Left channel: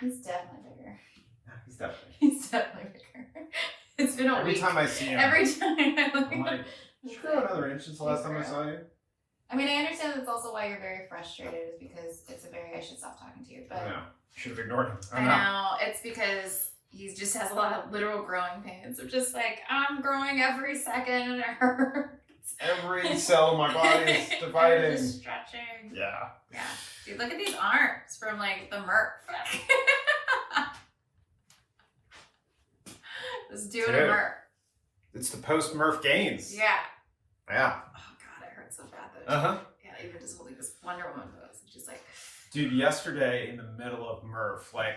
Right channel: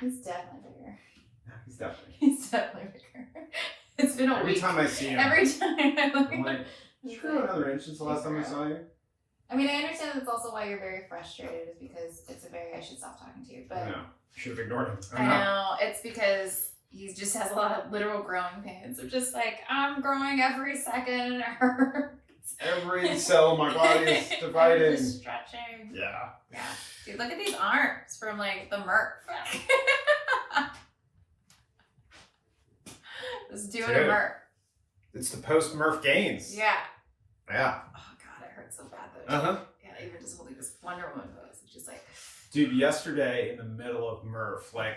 He's definitely bigger. He's definitely bigger. It's been a week. Every time I see him. Every time I'm like, did you grow another inch since the last time I saw you? I mean, I understand that's also why you're very frustrated, is because it's I should stop talking to you, but. No, I should have ignored him. I know. It's because he just has a lot of literal growing pains. Of just like, I'm growing every second, it hurts. Every cell in my body is divided. Just stretching. Yeah. Yeah. Dude, look at these arms from like the Murph. Just doing a Murph. It's the post-Murph gains. Yeah. Yeah. Oh god, it hurts so bad though. Yeah, even just holding this Wonder Woman pose. It's just like. Dude, yesterday in the middle of Murph, like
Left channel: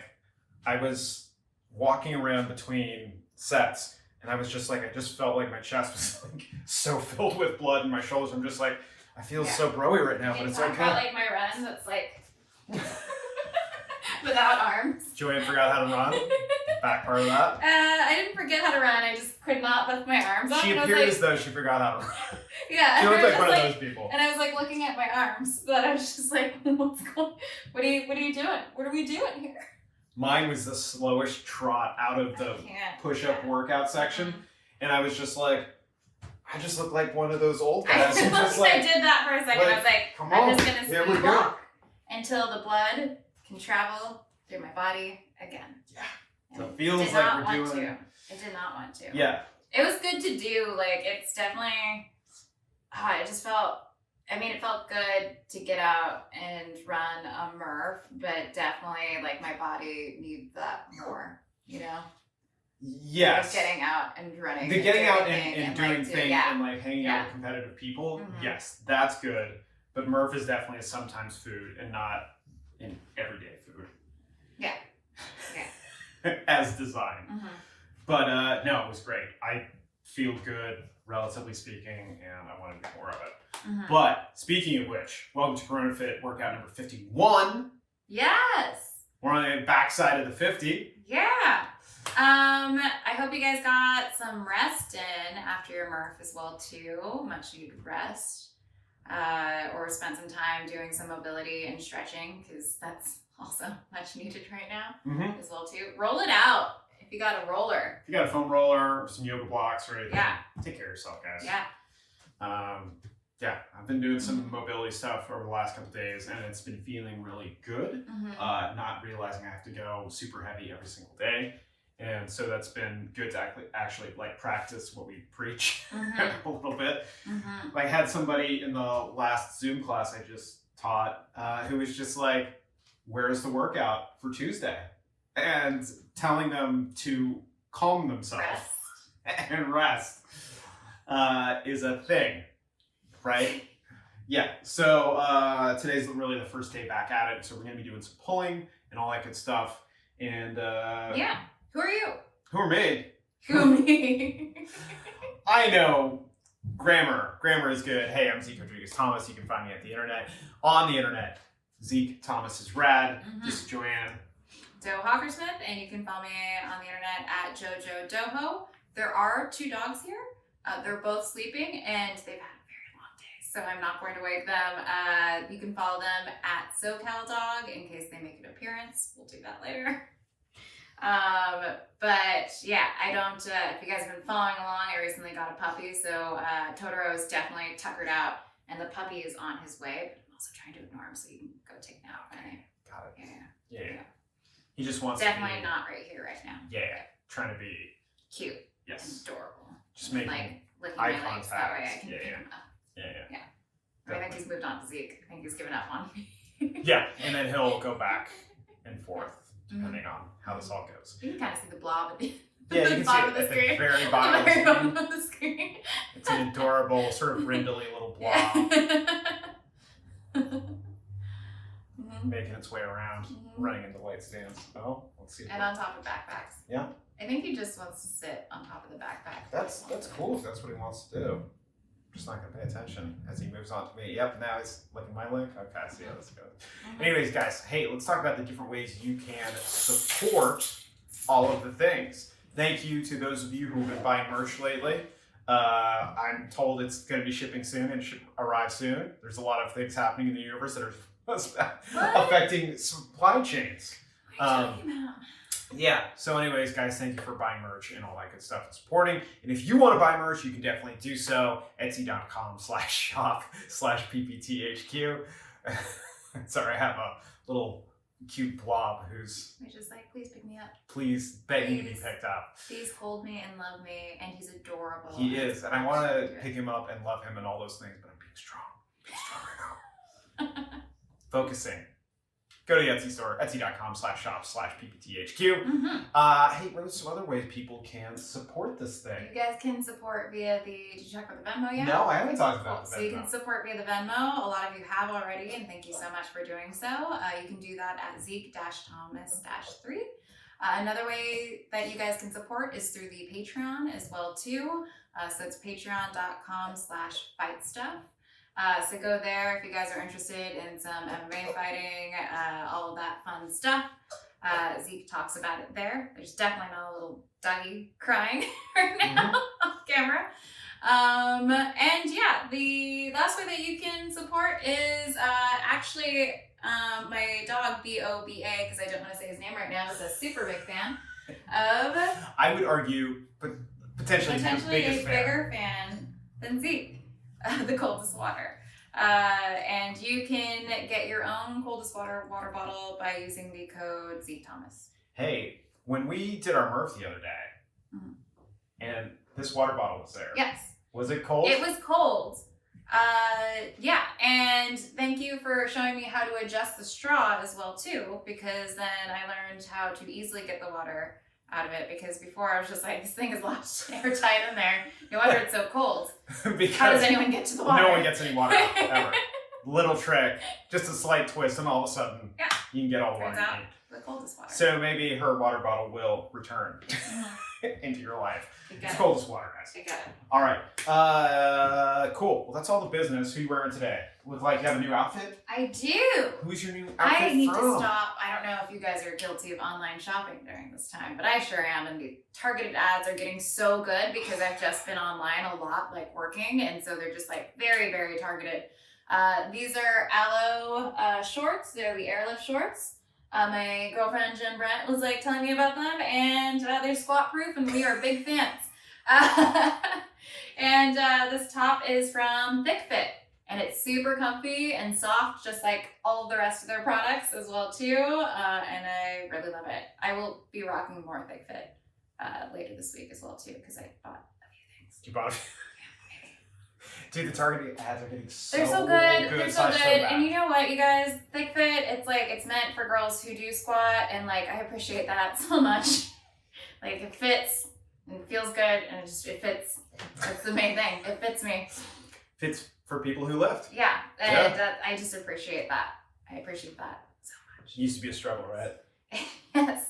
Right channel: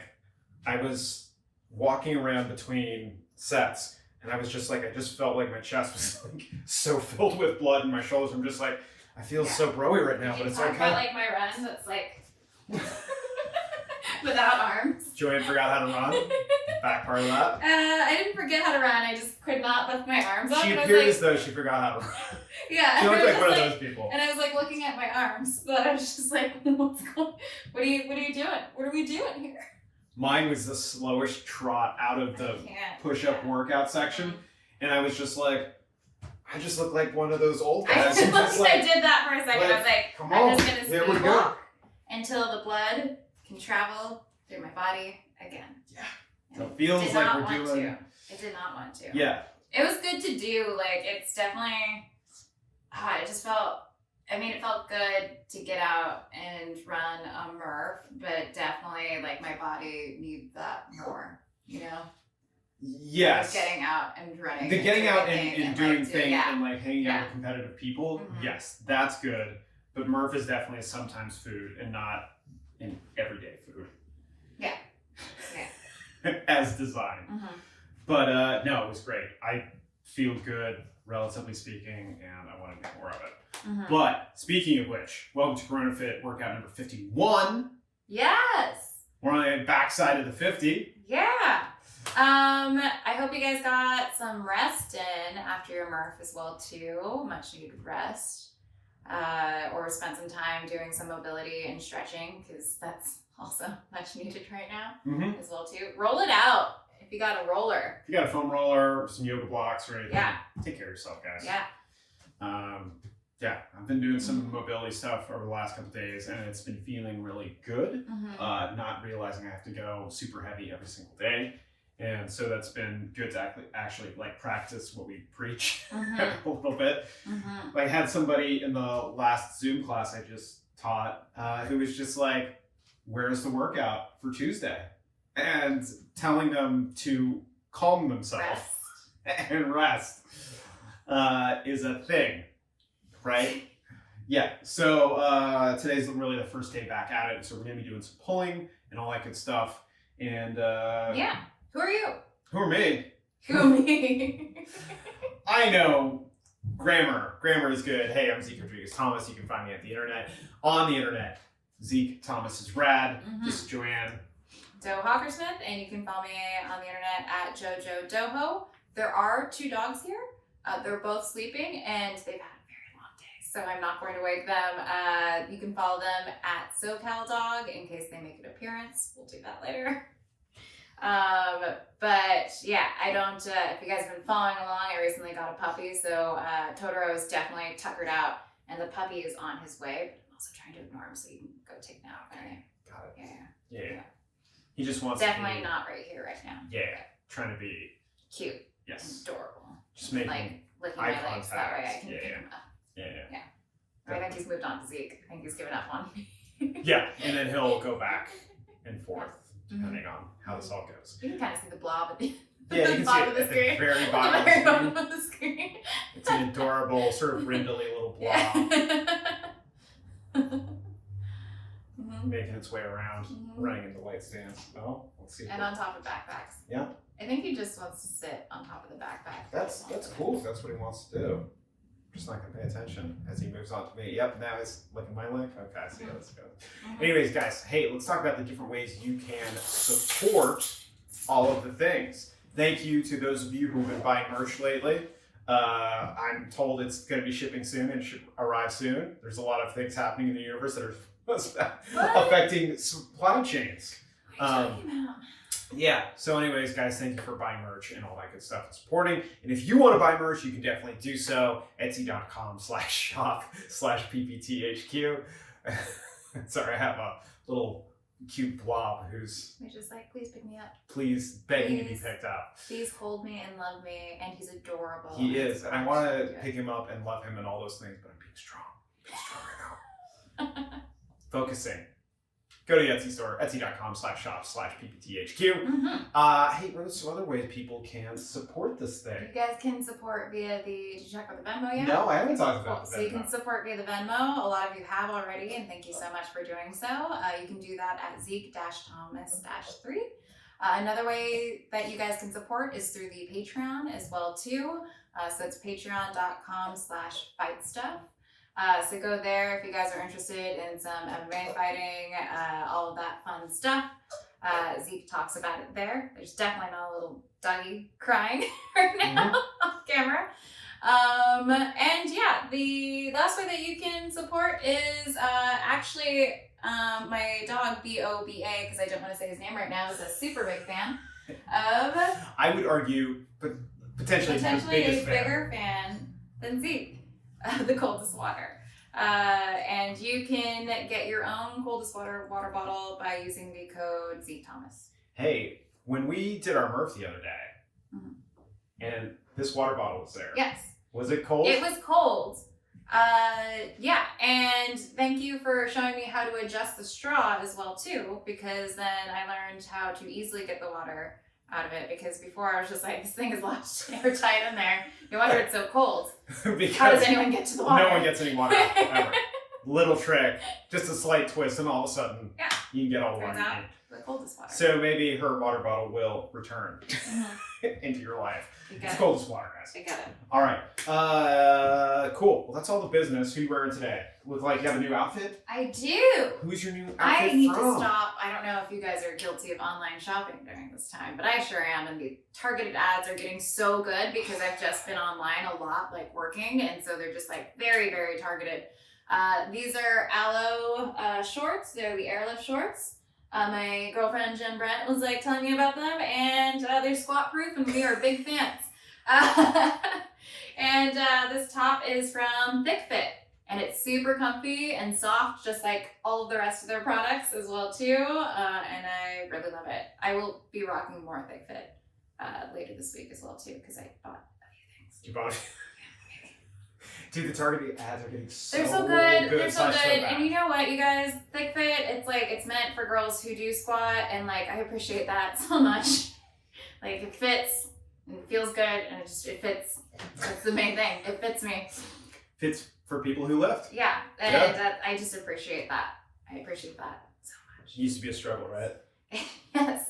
I was walking around between sets. And I was just like, I just felt like my chest was like so filled with blood and my shoulders. I'm just like, I feel so broy right now, but it's okay. About like my run that's like without arms. JoAnn forgot how to run. Back part of that. I didn't forget how to run. I just could not lift my arms up. She appeared as though she forgot how to run. Yeah. She looked like one of those people. And I was like looking at my arms, but I was just like, what's going? What are you doing? What are we doing here? Mine was the slowest trot out of the push-up workout section. And I was just like, I just look like one of those old guys. I did that for a second. I was like, I'm just going to speed walk until the blood can travel through my body again. Yeah. So it feels like we're doing... I did not want to. Yeah. It was good to do. Like, it's definitely... it just felt... I mean, it felt good to get out and run a Murph, but definitely, like, my body needs that more, you know? Yes. Like getting out and running. The getting out and doing things and, like, hanging out with competitive people, yes, that's good. But Murph is definitely a sometimes food and not an everyday food. Yeah. Yeah. As designed. But, no, it was great. I feel good, relatively speaking, and I want to do more of it. But speaking of which, welcome to Corona Fit workout number 51. Yes. We're on the backside of the 50. Yeah. I hope you guys got some rest in after your Murph as well too. Much needed rest. Or spent some time doing some mobility and stretching, because that's also much needed right now as well too. Roll it out if you got a roller. If you got a foam roller, some yoga blocks or anything, take care of yourself, guys. Yeah. Yeah, I've been doing some mobility stuff over the last couple of days, and it's been feeling really good. Not realizing I have to go super heavy every single day, and so that's been good to actually like practice what we preach a little bit. I had somebody in the last Zoom class I just taught who was just like, "Where's the workout for Tuesday?" and telling them to calm themselves and rest is a thing. Right? Yeah, so today's really the first day back at it, so we're going to be doing some pulling and all that good stuff. And yeah, who are you? Who are me? Who are me? I know grammar. Grammar is good. Hey, I'm Zeke Rodrigues-Thomas. You can find me at the internet. On the internet, Zeke Thomas is rad. This is JoAnn. Doe Hawkersmith, and you can follow me on the internet at JoJo Doho. There are 2 dogs here. They're both sleeping, and they've had so I'm not going to wake them. You can follow them at SoCalDog in case they make an appearance. We'll do that later. But yeah, I don't, if you guys have been following along, I recently got a puppy. So Totoro is definitely tuckered out and the puppy is on his way, but I'm also trying to ignore him so you can go take him out. Okay. Got it. Yeah. He just wants definitely to be, not right here right now. Yeah. Trying to be cute. Yes. And adorable. Just making like licking my legs. That way I can pick him up. Yeah. I think he's moved on to Zeke. I think he's given up on me. Yeah, and then he'll go back and forth depending on how this all goes. You can kind of see the blob at the, the bottom of the screen. The very bottom of the screen. It's an adorable, sort of brindly little blob. Making its way around, running into light stands. Oh, let's see. And on top of backpacks. Yeah. I think he just wants to sit on top of the backpack. That's cool if that's what he wants to do. I'm just not going to pay attention as he moves on to me. Yep, now he's licking my leg. Okay, I see how this goes. Anyways, guys, hey, let's talk about the different ways you can support all of the things. Thank you to those of you who've been buying merch lately. I'm told it's going to be shipping soon and should arrive soon. There's a lot of things happening in the universe that are affecting supply chains. What are you talking about? Yeah. So anyways, guys, thank you for buying merch and all that good stuff and supporting. And if you want to buy merch, you can definitely do so. Etsy.com/shop/PPTHQ. Sorry, I have a little cute blob who's just like, please pick me up. Please begging to be picked up. Please hold me and love me. And he's adorable. He is. And I want to pick him up and love him and all those things, but I'm being strong. Right now. Focusing. Go to the Etsy store, etsy.com/shop/PPTHQ. Hey, what are some other ways people can support this thing? You guys can support via the, did you talk about the Venmo yet? No, I haven't talked about the Venmo. So you can support via the Venmo. A lot of you have already, and thank you so much for doing so. You can do that at Zeke-Thomas-3. Another way that you guys can support is through the Patreon as well too. So it's patreon.com/fightstuff. So go there if you guys are interested in some MMA fighting, all of that fun stuff. Zeke talks about it there. There's definitely not a little doggy crying right now on camera. And yeah, the last way that you can support is actually my dog B-O-B-A, because I don't want to say his name right now, is a super big fan of... I would argue, but potentially a bigger fan than Zeke. The Coldest Water. And you can get your own Coldest Water bottle by using the code ZekeThomas. Hey, when we did our Murph the other day, and this water bottle was there. Yes. Was it cold? It was cold. Yeah, and thank you for showing me how to adjust the straw as well too, because then I learned how to easily get the water out of it, because before I was just like, this thing is locked airtight in there. No wonder it's so cold. How does anyone get to the water? No one gets any water out, ever. Little trick, just a slight twist, and all of a sudden, you can get all the water you need. The coldest water. So maybe her water bottle will return into your life. It's Coldest Water, guys. I get it. All right. Cool. Well, that's all the business. Who you wearing today? Look like you have a new outfit? I do. Who's your new outfit I need from? to stop. I don't know if you guys are guilty of online shopping during this time, but I sure am. And the targeted ads are getting so good because I've just been online a lot, like working. And so they're just like very, very targeted. These are Aloe shorts. They're the airlift shorts. My girlfriend Jen Brent was like telling me about them, and they're squat proof, and we are big fans. And this top is from Thick Fit, and it's super comfy and soft, just like all of the rest of their products as well too. And I really love it. I will be rocking more Thick Fit later this week as well too, because I bought a few things. You bought? Dude, the targeted ads are getting so They're so good. They're so good. So and you know what, you guys? Thick Fit, it's like, it's meant for girls who do squat, and like, I appreciate that so much. Like, it fits and it feels good, and it fits. That's the main thing. It fits me. Fits for people who lift. Yeah. And I just appreciate that. I appreciate that so much. It used to be a struggle, right? Yes.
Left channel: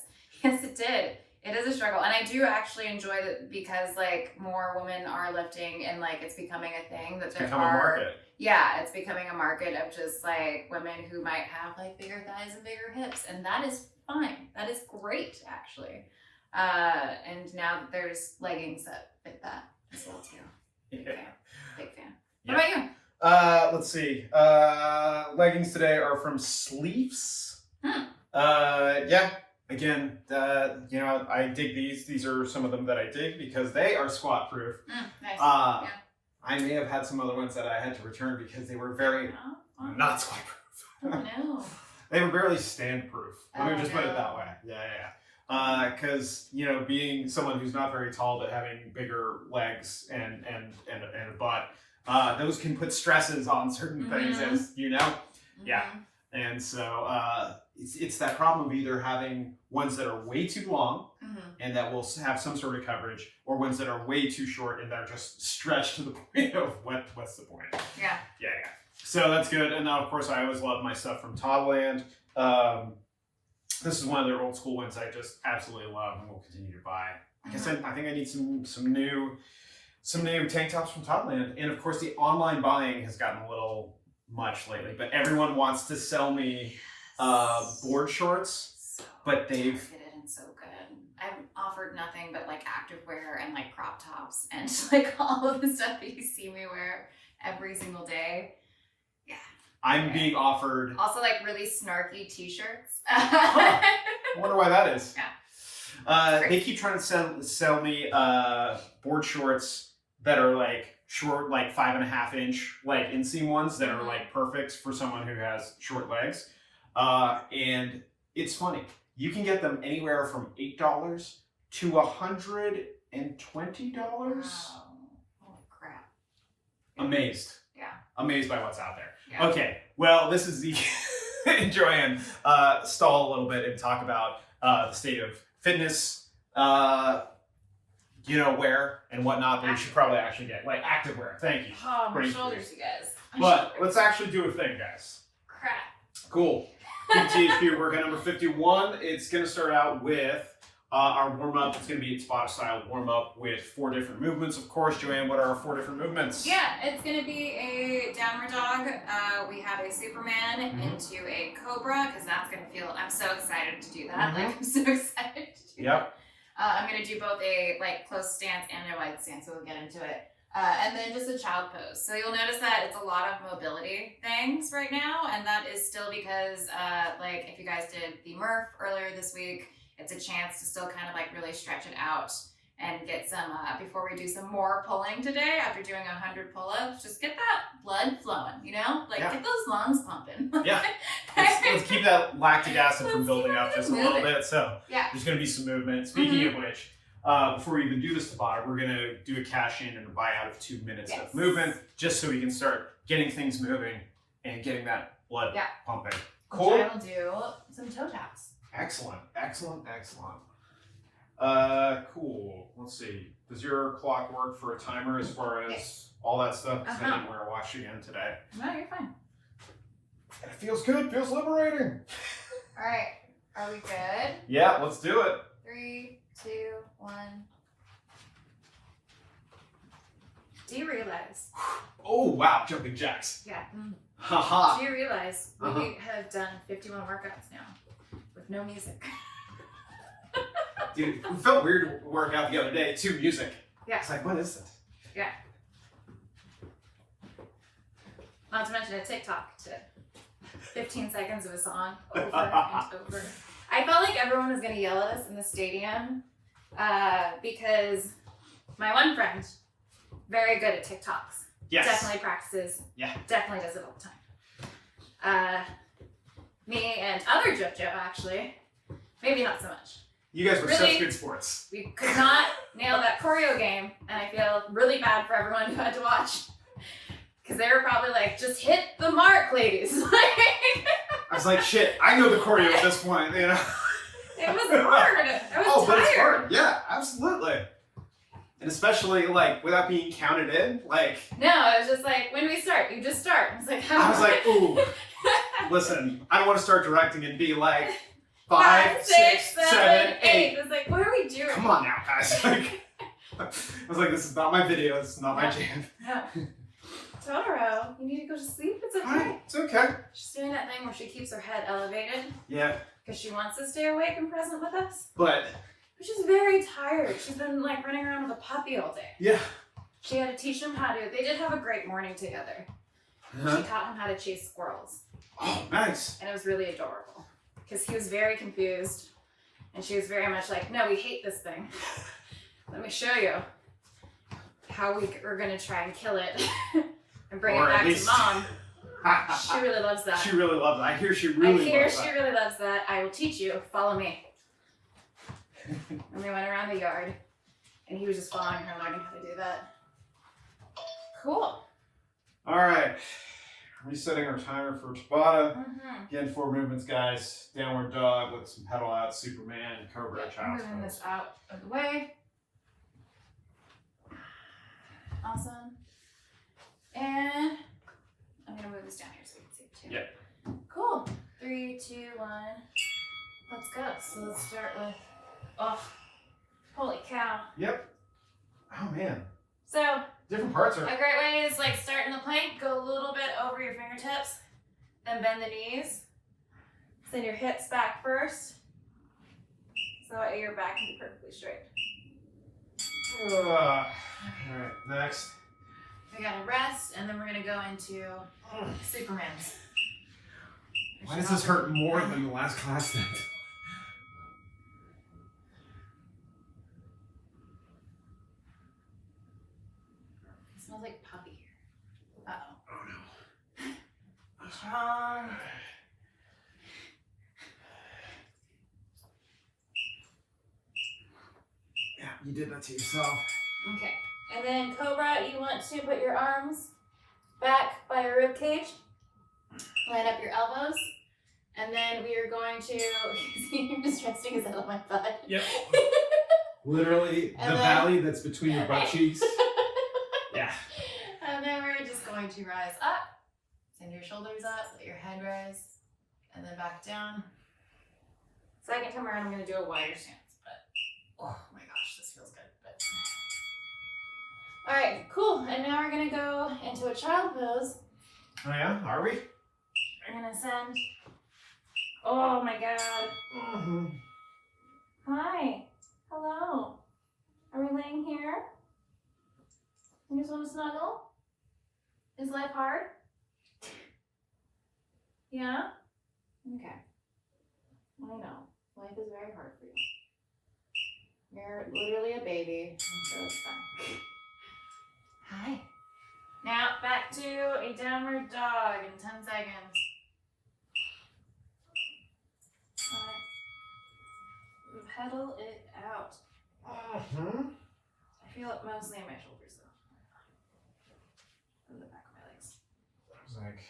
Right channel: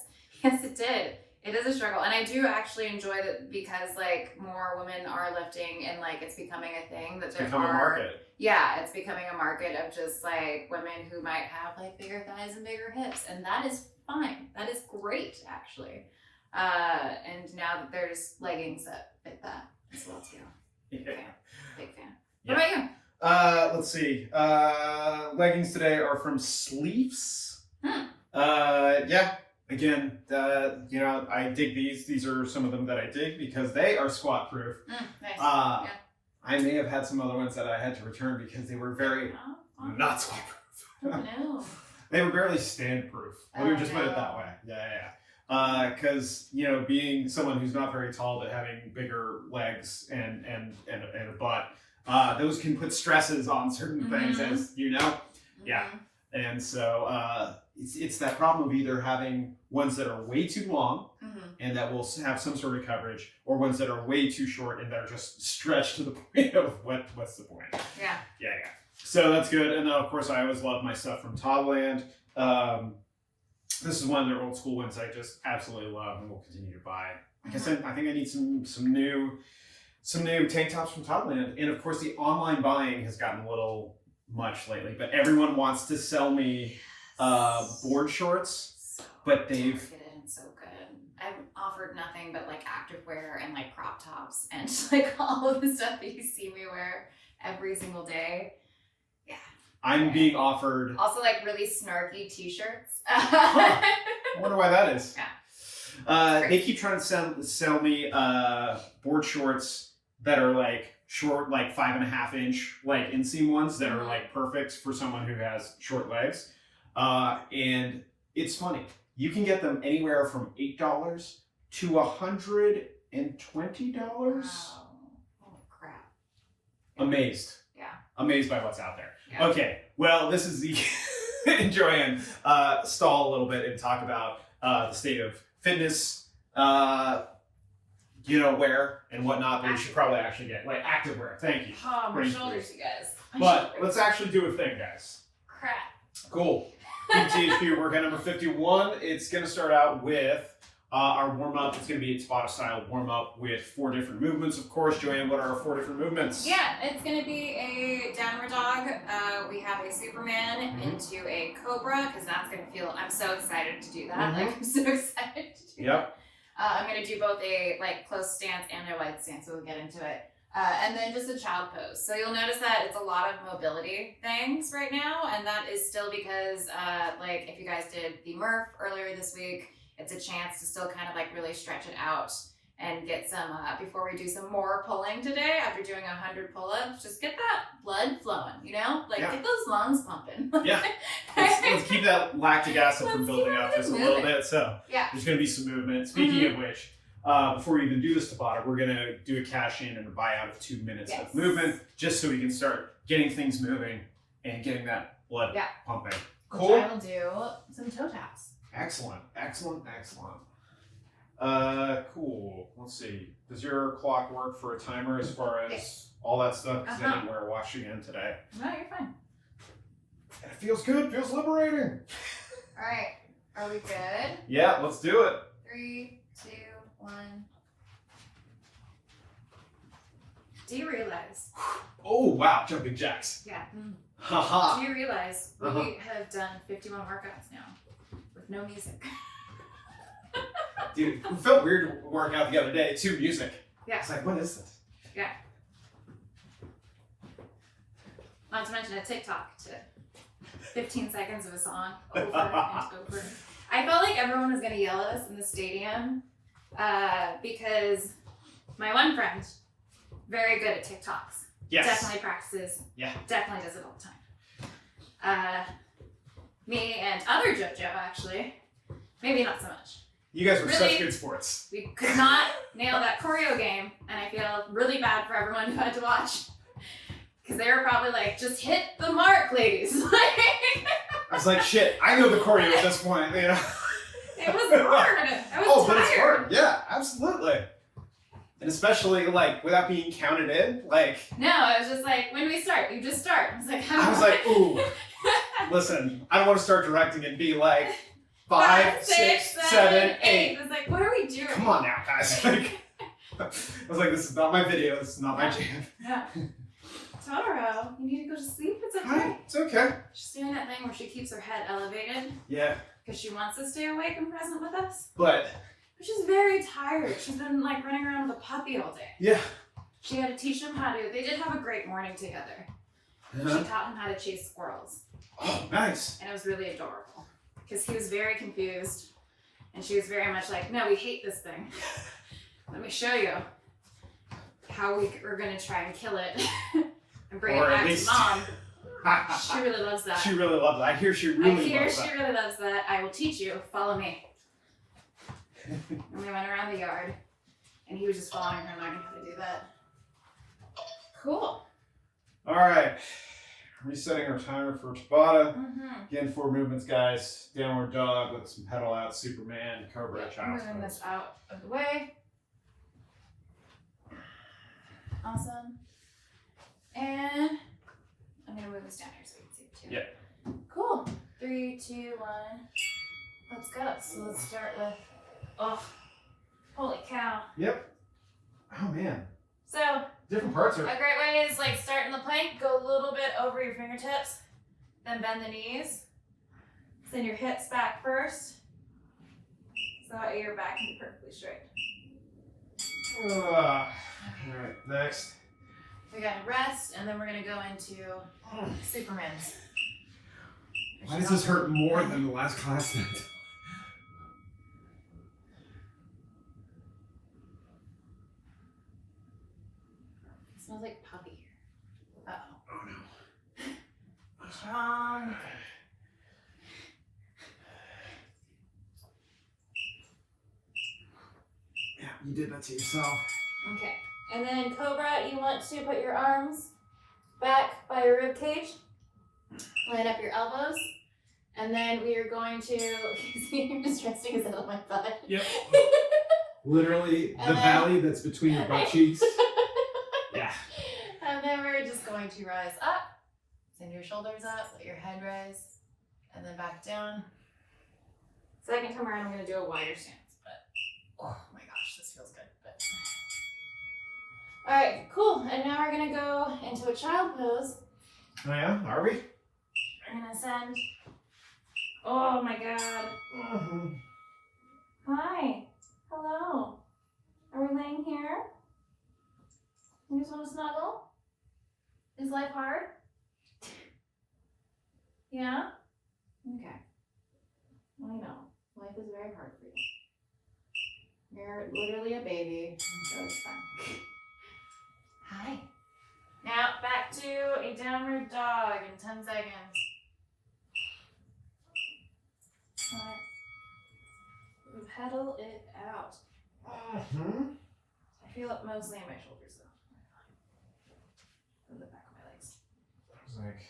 Yes, it did. It is a struggle, and I do actually enjoy that because like more women are lifting, and like it's becoming a thing that there are. A market. Yeah, it's becoming a market of just like women who might have like bigger thighs and bigger hips, and that is fine. That is great, actually. And now that there's leggings that fit that as well too. Big fan. Big fan. What about you? Let's see. Leggings today are from Sleeves. Yeah. Again, you know, I dig these. These are some of them that I dig because they are squat proof. Nice. I may have had some other ones that I had to return because they were very not squat proof. Oh no. They were barely stand proof. Let me just put it that way. Yeah. Because you know, being someone who's not very tall but having bigger legs and a butt, those can put stresses on certain things, as you know. Yeah. And so it's that problem of either having ones that are way too long and that will have some sort of coverage, or ones that are way too short and that are just stretched to the point of what's the point? Yeah. So that's good. And then of course I always love my stuff from Toddland. This is one of their old school ones I just absolutely love and will continue to buy. I guess I think I need some new tank tops from Toddland. And of course the online buying has gotten a little much lately, but everyone wants to sell me board shorts, but they've targeted and so good. I've offered nothing but like activewear and like crop tops and like all of the stuff that you see me wear every single day. Yeah. I'm being offered also like really snarky t-shirts. I wonder why that is. Yeah. They keep trying to sell me board shorts that are like short, like 5.5 inch, like inseam ones that are like perfect for someone who has short legs. And it's funny. You can get them anywhere from $8 to $120. Wow. Oh crap. Amazed. Yeah. Amazed by what's out there. Yeah. Okay. Well, this is Zeke and JoAnn stall a little bit and talk about the state of fitness, wear and whatnot that we should probably actually get. Like active wear. Thank you. Oh, my shoulders, you guys. But let's actually do a thing, guys. Crap. Cool. PPTHQ workout number 51. It's going to start out with our warm-up. It's going to be a Tabata style warm-up with 4 different movements. Of course, JoAnn, what are our 4 different movements? Yeah, it's going to be a downward dog. We have a Superman into a Cobra, because that's going to feel, I'm so excited to do that. Like, I'm so excited to do that. I'm going to do both a close stance and a wide stance, so we'll get into it. And then just a child pose. So you'll notice that it's a lot of mobility things right now, and that is still because, if you guys did the Murph earlier this week, it's a chance to still kind of really stretch it out and get some, before we do some more pulling today, after doing 100 pull-ups, just get that blood flowing, get those lungs pumping. Yeah. Let's keep that lactic acid from building up just a little bit. So there's going to be some movement. Speaking of which, before we even do this Tabata, we're going to do a cash in and a buy out of 2 minutes of movement, just so we can start getting things moving and getting that blood pumping. Cool. Which I will do some toe taps. Excellent, excellent, excellent. Cool. Let's see. Does your clock work for a timer as far as all that stuff? Because I didn't wear a watch again today. No, you're fine. It feels good. Feels liberating. All right. Are we good? Yeah, let's do it. 3, 2, 1. Do you realize? Oh, wow. Jumping jacks. Yeah. Haha. Do you realize we have done 51 workouts now with no music? Dude, it felt weird working out the other day to music. Yeah. It's like, what is this? Yeah. Not to mention a TikTok to 15 seconds of a song over and over. I felt like everyone was going to yell at us in the stadium because my one friend, very good at TikToks. Yes. Definitely practices. Yeah. Definitely does it all the time. Me and other JoJo, actually, maybe not so much. You guys were really, such good sports. We could not nail that choreo game, and I feel really bad for everyone who had to watch. Because they were probably like, just hit the mark, ladies. I was like, shit, I know the choreo at this point, It was hard. I was tired. But it's hard. Yeah, absolutely. And especially, without being counted in, No, it was just like, when we start, you just start. I was like, ooh, listen, I don't want to start directing and be like, 5, 6, 7, 8. It's like, what are we doing? Come on now, guys. I was like, this is not my video. This is not my jam. No. Totoro, you need to go to sleep. It's okay. Hi, it's okay. She's doing that thing where she keeps her head elevated. Yeah. Because she wants to stay awake and present with us. But she's very tired. She's been running around with a puppy all day. Yeah. She had to teach him how to. They did have a great morning together. She taught him how to chase squirrels. Oh, nice. And it was really adorable. Because he was very confused, and she was very much like, no, we hate this thing. Let me show you how we're going to try and kill it and bring it back to mom. She really loves that. She really loves it. I hear she really loves that. I will teach you. Follow me. And we went around the yard, and he was just following her, learning how to do that. Cool. All right. Resetting our timer for Tabata. Again, 4 movements, guys. Downward dog with some pedal out, Superman, Cobra, child's moving this out of the way. Awesome. And I'm going to move this down here so you can see it too. Yeah. Cool. 3, 2, 1. Let's go. So let's start with, holy cow. Yep. Oh, man. So, different parts are. A great way is start in the plank, go a little bit over your fingertips, then bend the knees. Send your hips back first, so that your back can be perfectly straight. All right, next. We gotta rest, and then we're gonna go into Superman's. Why does this hurt more than the last class did? smells like puppy here. Uh-oh. Oh no. Be strong. Yeah, you did that to yourself. Okay. And then Cobra, you want to put your arms back by your rib cage. Line up your elbows. And then we are going to, you're just resting his head on my butt. Yep. Literally And the then- valley that's between your butt cheeks. Yeah. And then we're just going to rise up. Send your shoulders up, let your head rise, and then back down. Second time around, I'm going to do a wider stance, but oh my gosh, this feels good. But... All right, cool. And now we're going to go into a child pose. Oh yeah? Are we? We're going to send. Oh my God. Hi. Hello. Are we laying here? You just want to snuggle? Is life hard? Yeah? Okay. I know. Life is very hard for you. You're literally a baby, so it's fine. Hi. Now back to a downward dog in 10 seconds. Alright. Pedal it out. I feel it mostly in my shoulders though. In the back of my legs. I was like,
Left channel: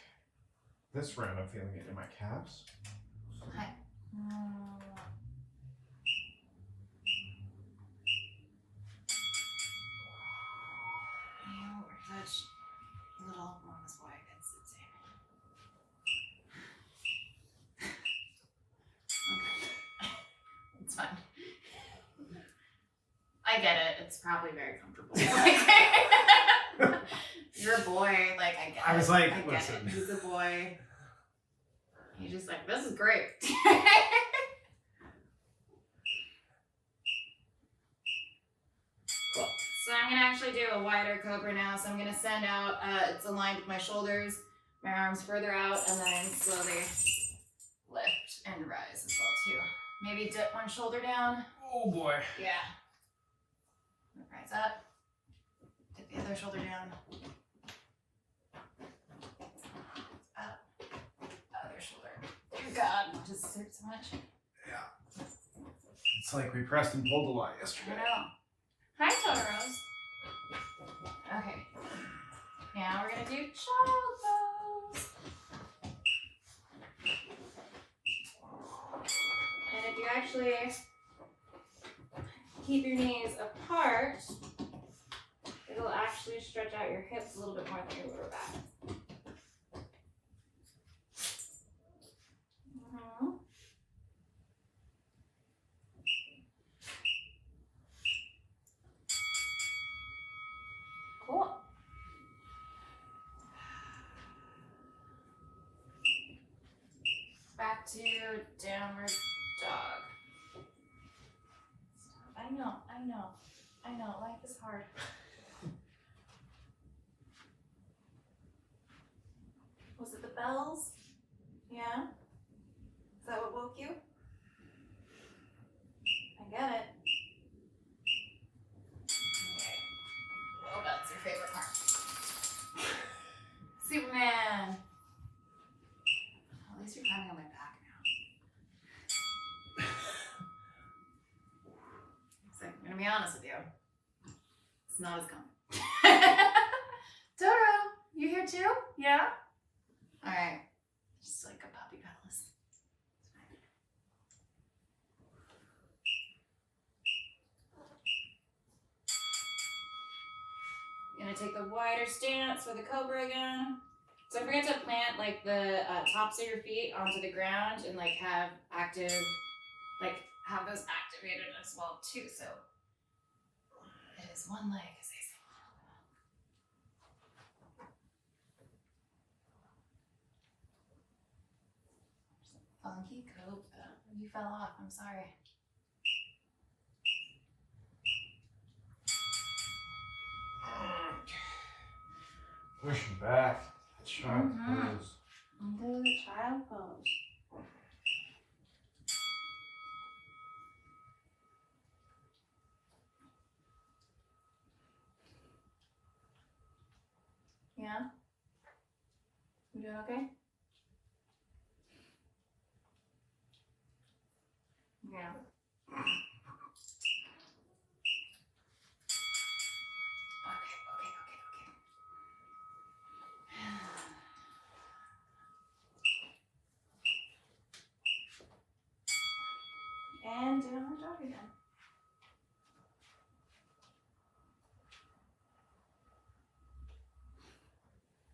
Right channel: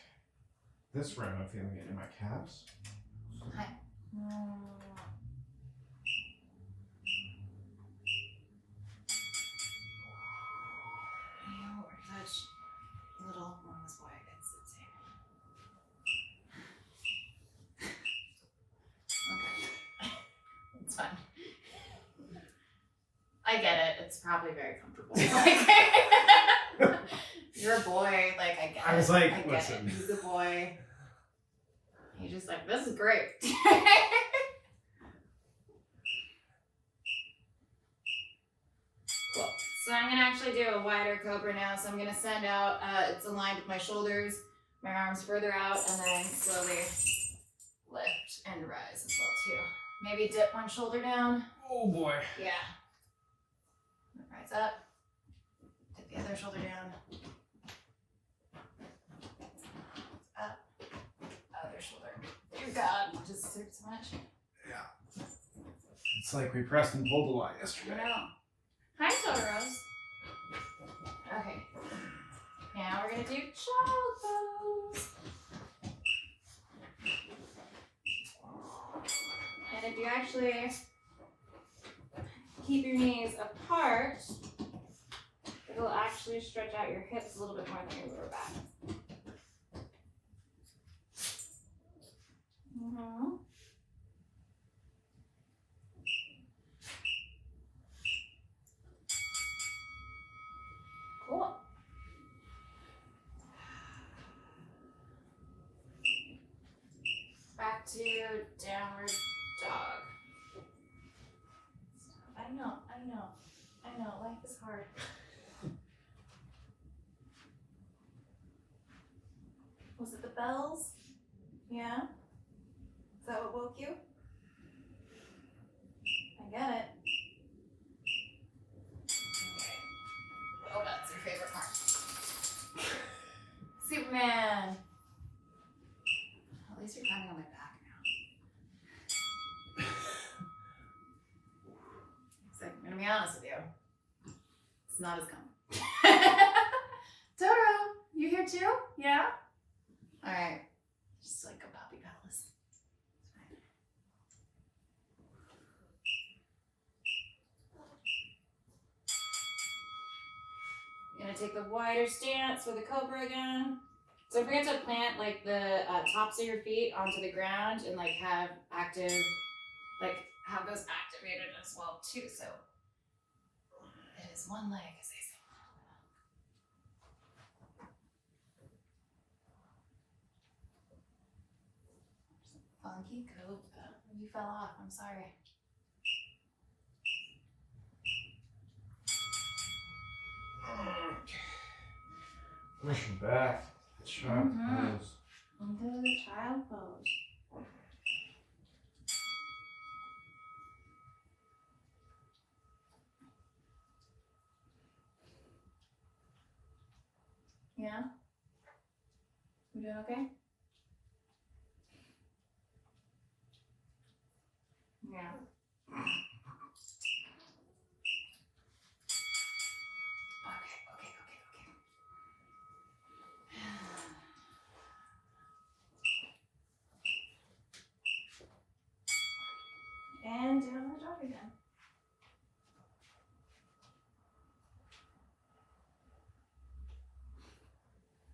this round I'm feeling it in my calves. Hi. You are such a little mama's boy. It's insane. Okay. It's fine. I get it. It's probably very comfortable. You're a boy. Like, I get it. I was like, I get listen. it. He's a boy. He's just like, this is great. Cool. So I'm gonna actually do a wider Cobra now. So I'm gonna send out, it's aligned with my shoulders, my arms further out, and then slowly lift and rise as well too. Maybe dip one shoulder down. Oh boy. Yeah. Rise up. Dip the other shoulder down. Up. Other shoulder. Dear God, it just hurts so much. Yeah. It's like we pressed and pulled a lot I yesterday. know. Hi, Totoros. Okay. Now we're gonna do child pose. And if you actually keep your knees apart, it'll actually stretch out your hips a little bit more than your lower back. Cool. Back to downward dog. I know. Life is hard. Was it the bells? Yeah? Is that what woke you? I get it. Okay. Well, that's your favorite part. Superman! At least you're climbing on my back now. So, I'm gonna be honest with you. It's not as common. Totoro, you here too? Yeah? Alright. Just like a puppy palace. It's fine. I'm gonna take the wider stance for the Cobra again. So don't forget to plant like the tops of your feet onto the ground and like have active, like have those activated as well too. So it is one leg, as they say. Funky Cobra. You fell off. I'm sorry. Pushing back. Child pose. Into the child pose. Yeah? You doing okay? Yeah. And do another dog again.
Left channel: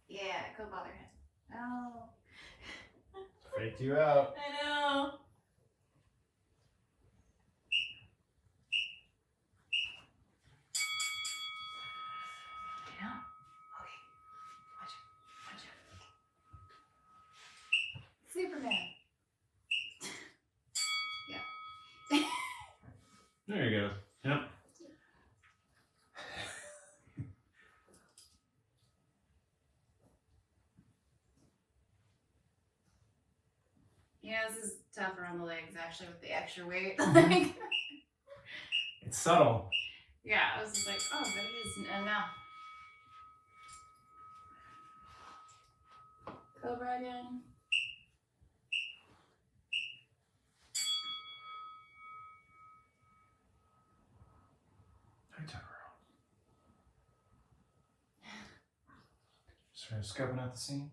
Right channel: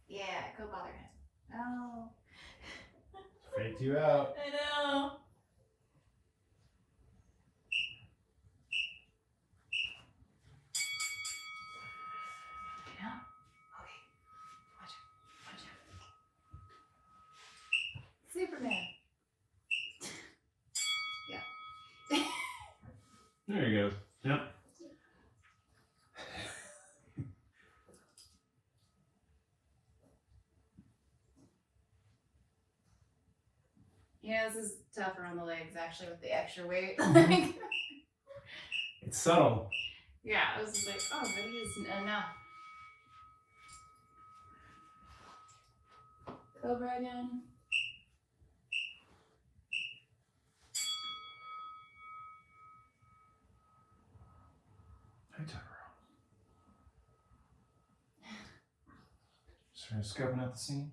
Yeah, go bother him. Oh. Freaked you out. I know. Yeah. Okay. Watch out. Watch out. Superman. Yeah. There you go. Yep. Yeah, this is tougher on the legs actually with the extra weight. It's subtle. Yeah, I was just like, oh, but it is now. Cobra again. Hi, Totoro. Just scoping out the scene.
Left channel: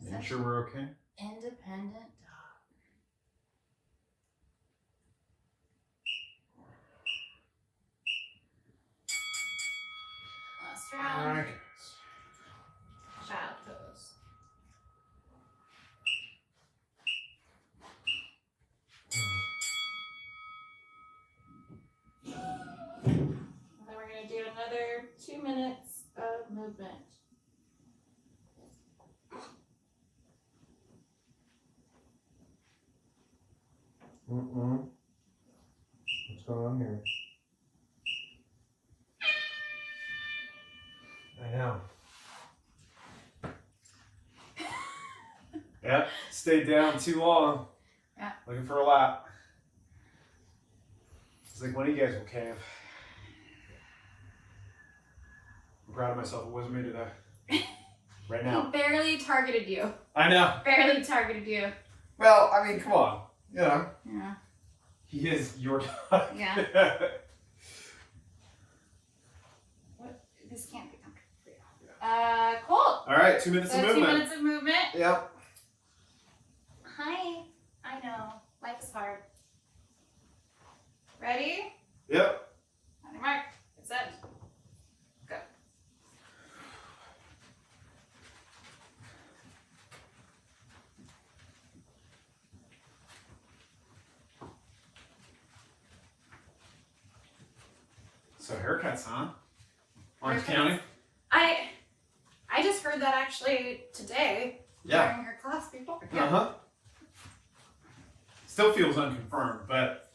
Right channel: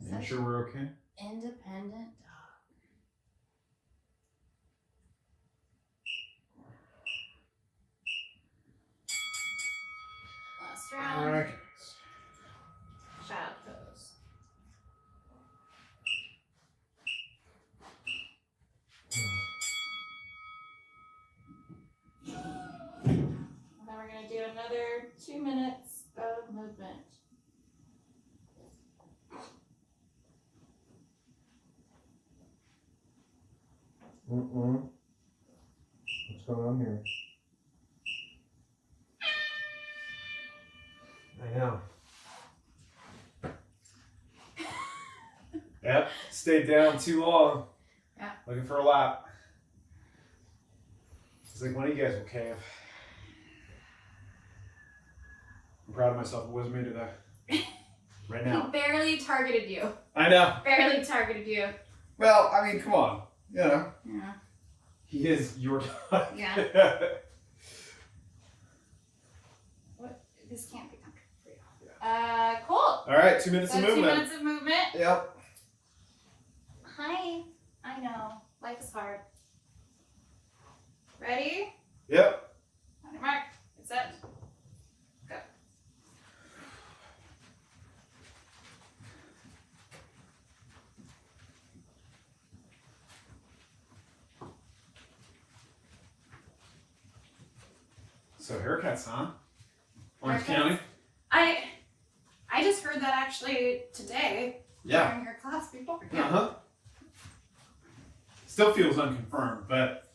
Making sure we're okay. Independent dog. Last round. Okay. Child pose. And then we're going to do another 2 minutes of movement. What's going on here? I know. Yep, stayed down too long. Yeah. Looking for a lap. It's like, when are you guys will cave? I'm proud of myself. It wasn't me today. Right now. He barely targeted you. I know. Barely targeted you. Well, I mean, come on. You know. Yeah. He is your dog. Yeah. What? This can't be comfortable for you. Cool. All right, 2 minutes So of 2 movement. minutes of movement. Yep. Hi. I know. Life is hard. Ready? Yep. On your mark. Get set. Go. So haircuts, huh? Orange Haircuts? County? I just heard that actually today Yeah. during your class before. Uh-huh. Still feels unconfirmed, but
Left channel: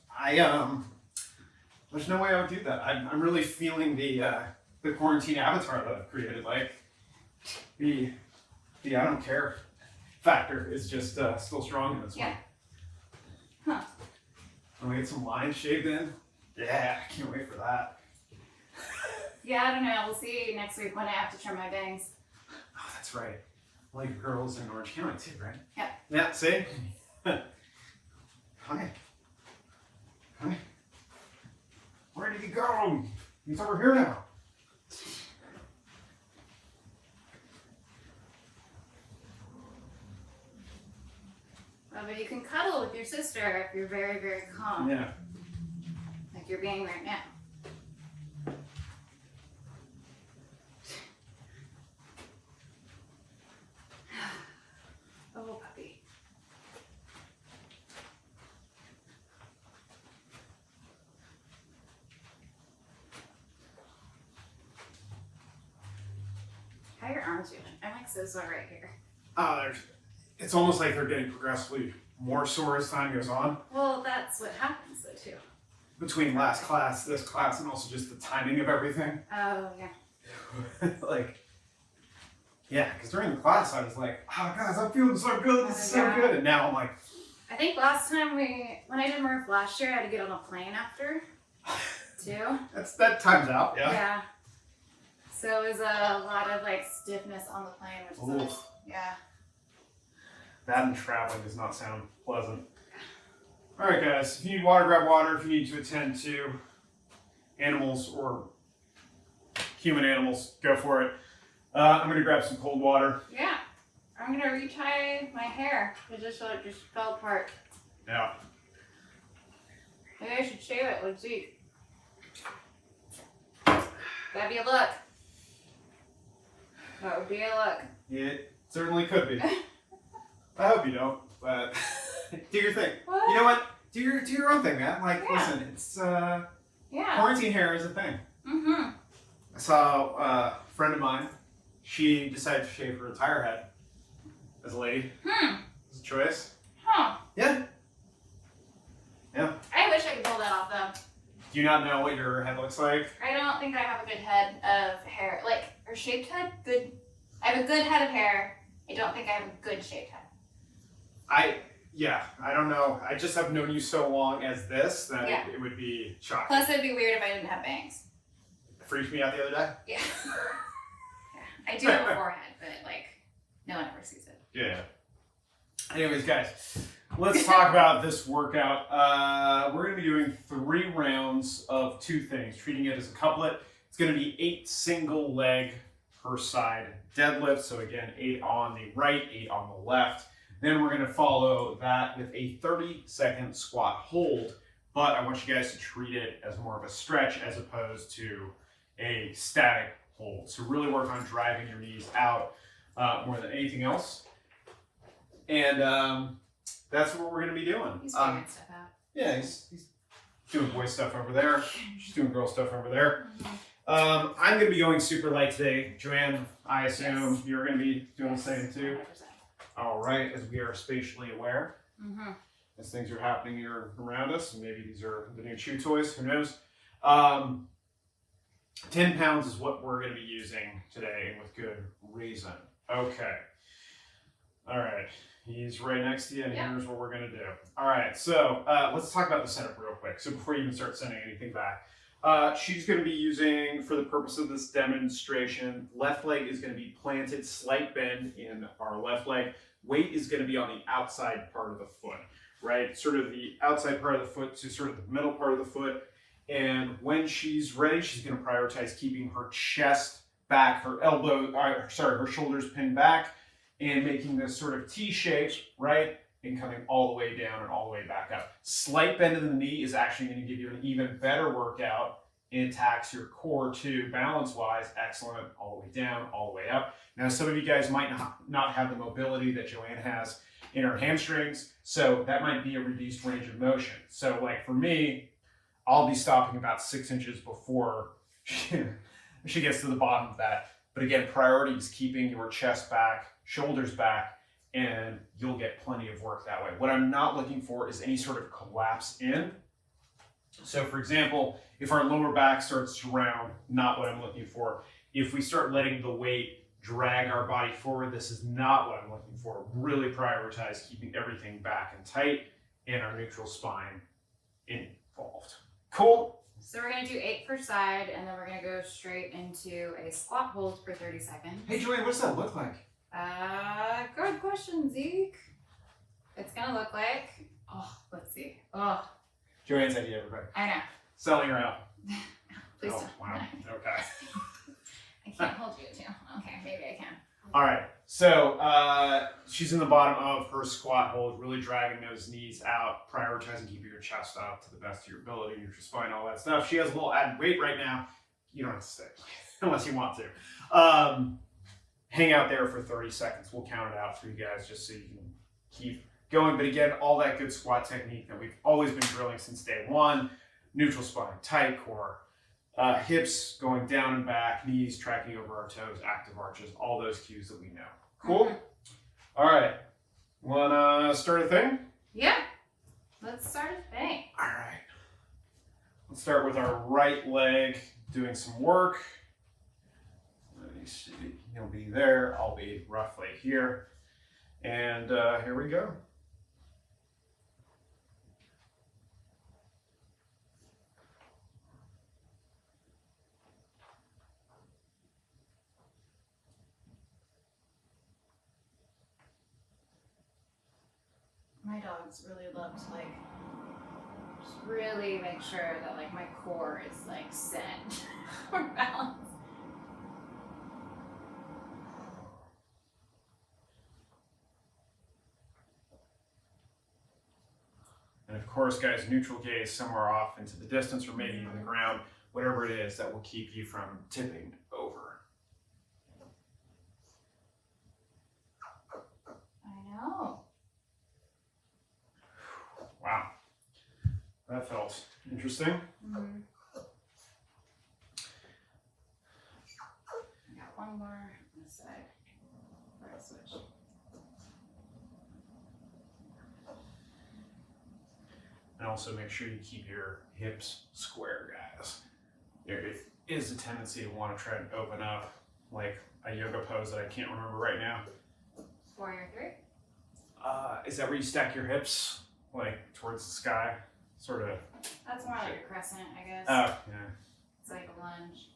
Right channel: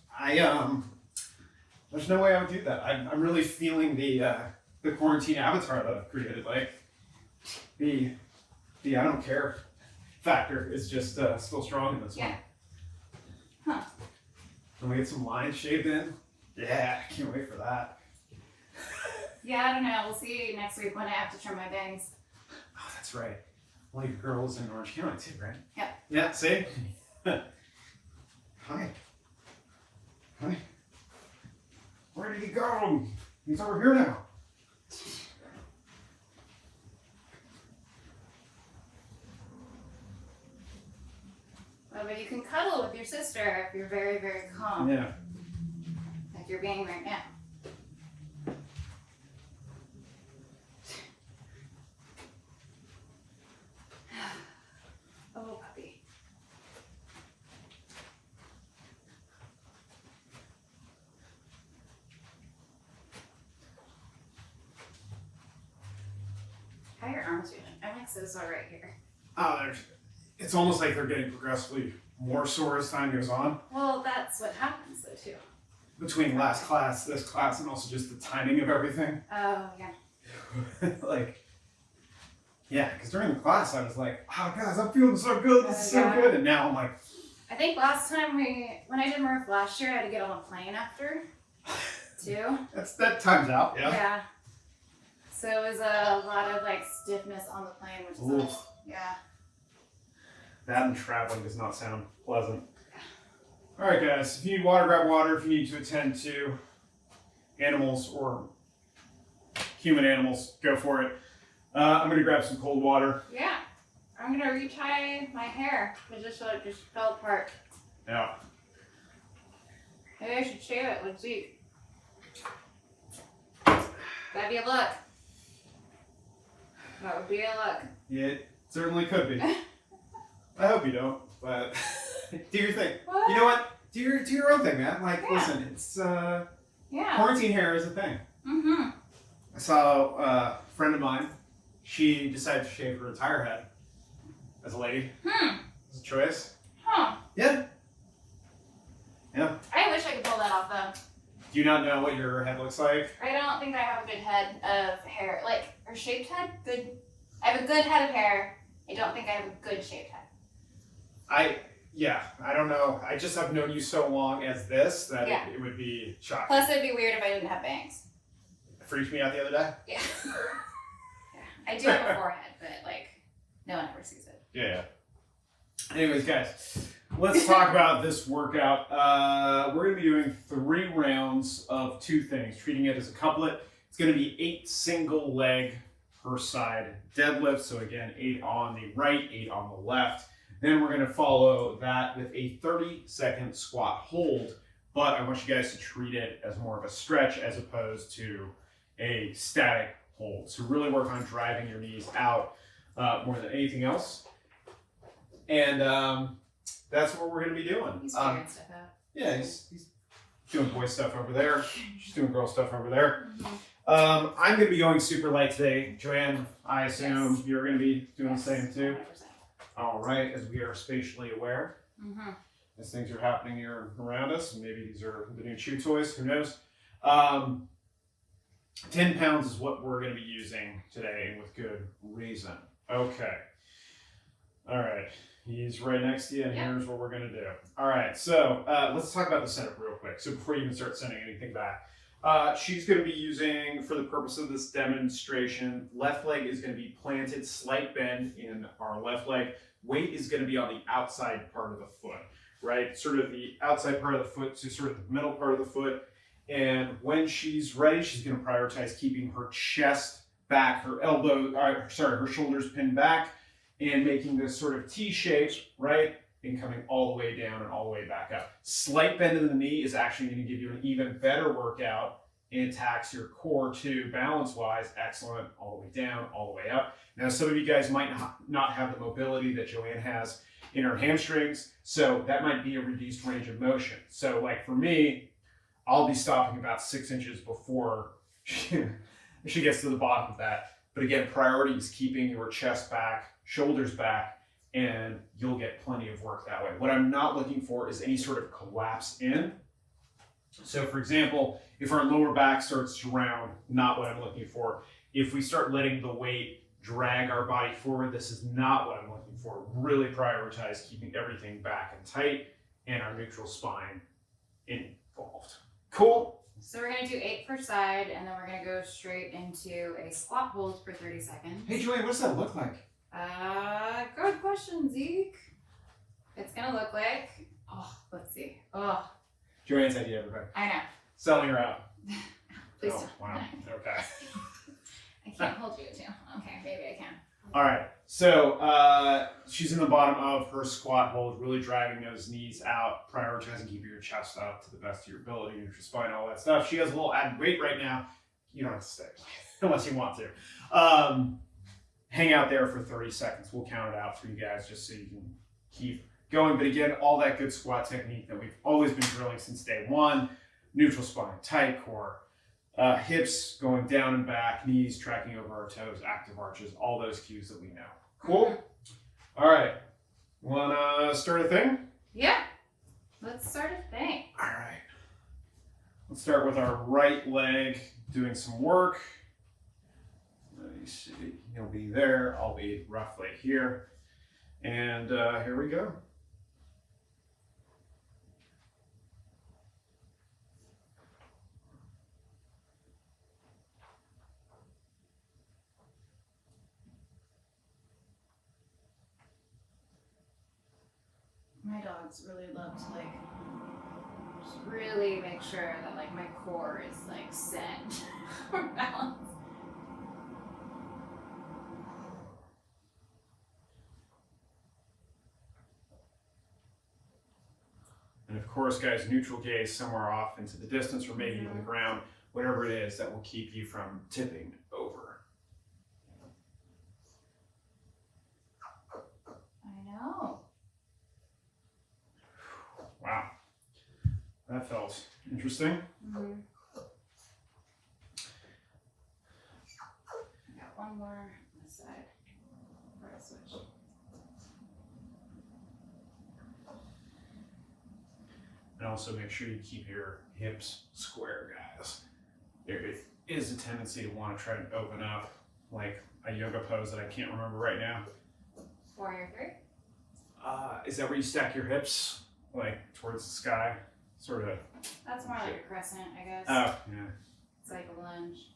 there's no way I would do that. I'm really feeling the quarantine avatar that I've created. Like the I don't care factor is just still strong in this one. Huh. I'm gonna get some lines shaved in. Yeah, I can't wait for that. Yeah, I don't know. We'll see next week when I have to trim my bangs. Oh, that's right. Well, your girls in Orange County too, right? Yep. Yeah, see? Hi. Hi. Where did he go? He's over here now. Well, but you can cuddle with your sister if you're very, very calm. Yeah. Like you're being right now. Oh, puppy. How are your arms feeling? I'm like so sore right here. It's almost like they're getting progressively more sore as time goes on. Well, that's what happens though too. Between last class, this class, and also just the timing of everything. Oh, yeah. Like, yeah, because during the class I was like, oh guys, I'm feeling so good, this is so Yeah. good. And now I'm like, I think last time when I did Murph last year, I had to get on a plane after, too. that times out, yeah. Yeah. So it was a lot of like stiffness on the plane, which is always, yeah. That and traveling does not sound pleasant. All right, guys. If you need water, grab water. If you need to attend to animals or human animals, go for it. I'm gonna grab some cold water. Yeah. I'm gonna retie my hair. It just fell apart. Yeah. Maybe I should shave it with Zeke. That'd be a look. That would be a look. It certainly could be. I hope you don't, but do your thing. What? You know what? Do your own thing, man. Like, listen, it's quarantine hair is a thing. Mm-hmm. I saw a friend of mine. She decided to shave her entire head as a lady. It's a choice. Huh. Yeah. Yeah. I wish I could pull that off though. Do you not know what your head looks like? I don't think I have a good head of hair. Like, or shaped head? Good. I have a good head of hair. I don't think I have a good shaped head. I don't know. I just have known you so long as this that it would be shocking. Plus, it'd be weird if I didn't have bangs. It freaked me out the other day. Yeah. I do have a forehead, but like, no one ever sees it. Yeah. Anyways, guys, let's talk about this workout. We're going to be doing 3 rounds of 2 things, treating it as a couplet. It's going to be 8 single leg per side deadlifts. So again, 8 on the right, 8 on the left. Then we're going to follow that with a 30-second squat hold. But I want you guys to treat it as more of a stretch as opposed to a static hold. So really work on driving your knees out more than anything else. And that's what we're going to be doing. He's figuring stuff out. Yeah, he's doing boy stuff over there. She's doing girl stuff over there. Mm-hmm. I'm going to be going super light today. JoAnn, I assume you're going to be doing the same too? 100%. All right, as we are spatially aware. Mm-hmm. As things are happening here around us, and maybe these are the new chew toys, who knows. 10 pounds is what we're going to be using today, and with good reason. Okay. All right. He's right next to you, and here's what we're going to do. All right, so let's talk about the setup real quick. So before you even start sending anything back, she's going to be using, for the purpose of this demonstration, left leg is going to be planted, slight bend in our left leg. Weight is going to be on the outside part of the foot, right? Sort of the outside part of the foot to sort of the middle part of the foot. And when she's ready, she's going to prioritize keeping her chest back, her her shoulders pinned back, and making this sort of T shape, right? And coming all the way down and all the way back up. Slight bend in the knee is actually going to give you an even better workout and tax your core too, balance-wise. Excellent. All the way down, all the way up. Now, some of you guys might not have the mobility that JoAnn has in her hamstrings, so that might be a reduced range of motion. So like for me, I'll be stopping about 6 inches before she gets to the bottom of that. But again, priority is keeping your chest back, shoulders back, and you'll get plenty of work that way. What I'm not looking for is any sort of collapse in. So for example, if our lower back starts to round, not what I'm looking for. If we start letting the weight drag our body forward, this is not what I'm looking for. Really prioritize keeping everything back and tight and our neutral spine involved. Cool? So we're going to do 8 per side, and then we're going to go straight into a squat hold for 30 seconds. Hey JoAnn, what does that look like? Good question, Zeke. It's going to look like, let's see. JoAnn's idea, everybody. I know. Selling her out. Please Oh, don't. wow. Okay. I can't hold you too. Okay, maybe I can. All right. So she's in the bottom of her squat hold, really dragging those knees out, prioritizing keeping your chest up to the best of your ability, your spine, all that stuff. She has a little added weight right now. You don't have to stay unless you want to. Hang out there for 30 seconds. We'll count it out for you guys just so you can keep going. But again, all that good squat technique that we've always been drilling since day one. Neutral spine, tight core, hips going down and back, knees tracking over our toes, active arches, all those cues that we know. Cool? All right. Want to start a thing? Yeah. Let's start a thing. All right. Let's start with our right leg doing some work. Let me see. He'll be there. I'll be roughly here. And here we go. dogs really love to like just really make sure that like my core is like set for balance. And of course, guys, neutral gaze somewhere off into the distance or maybe even the ground, whatever it is that will keep you from tipping over. I know. Wow. That felt interesting. Mm-hmm. I got one more on this side. Before I switch. And also make sure you keep your hips square, guys. There is a tendency to want to try and open up, like a yoga pose that I can't remember right now. Warrior 3? Is that where you stack your hips, like towards the sky? Sort of. That's more like a crescent, I guess. Oh, yeah. It's like a lunge.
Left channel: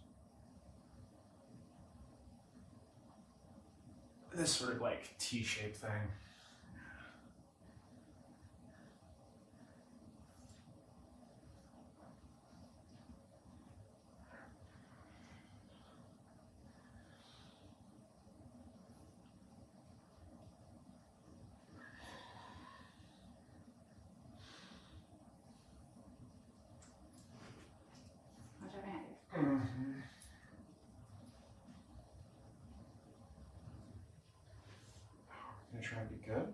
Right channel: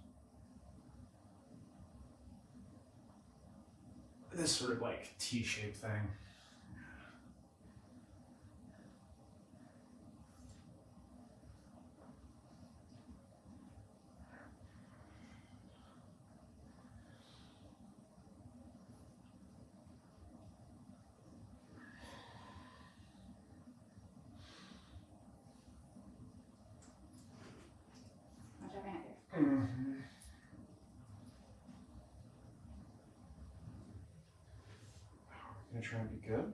This sort of like T-shaped thing. Watch out behind you. Mm-hmm. Gonna try and be good.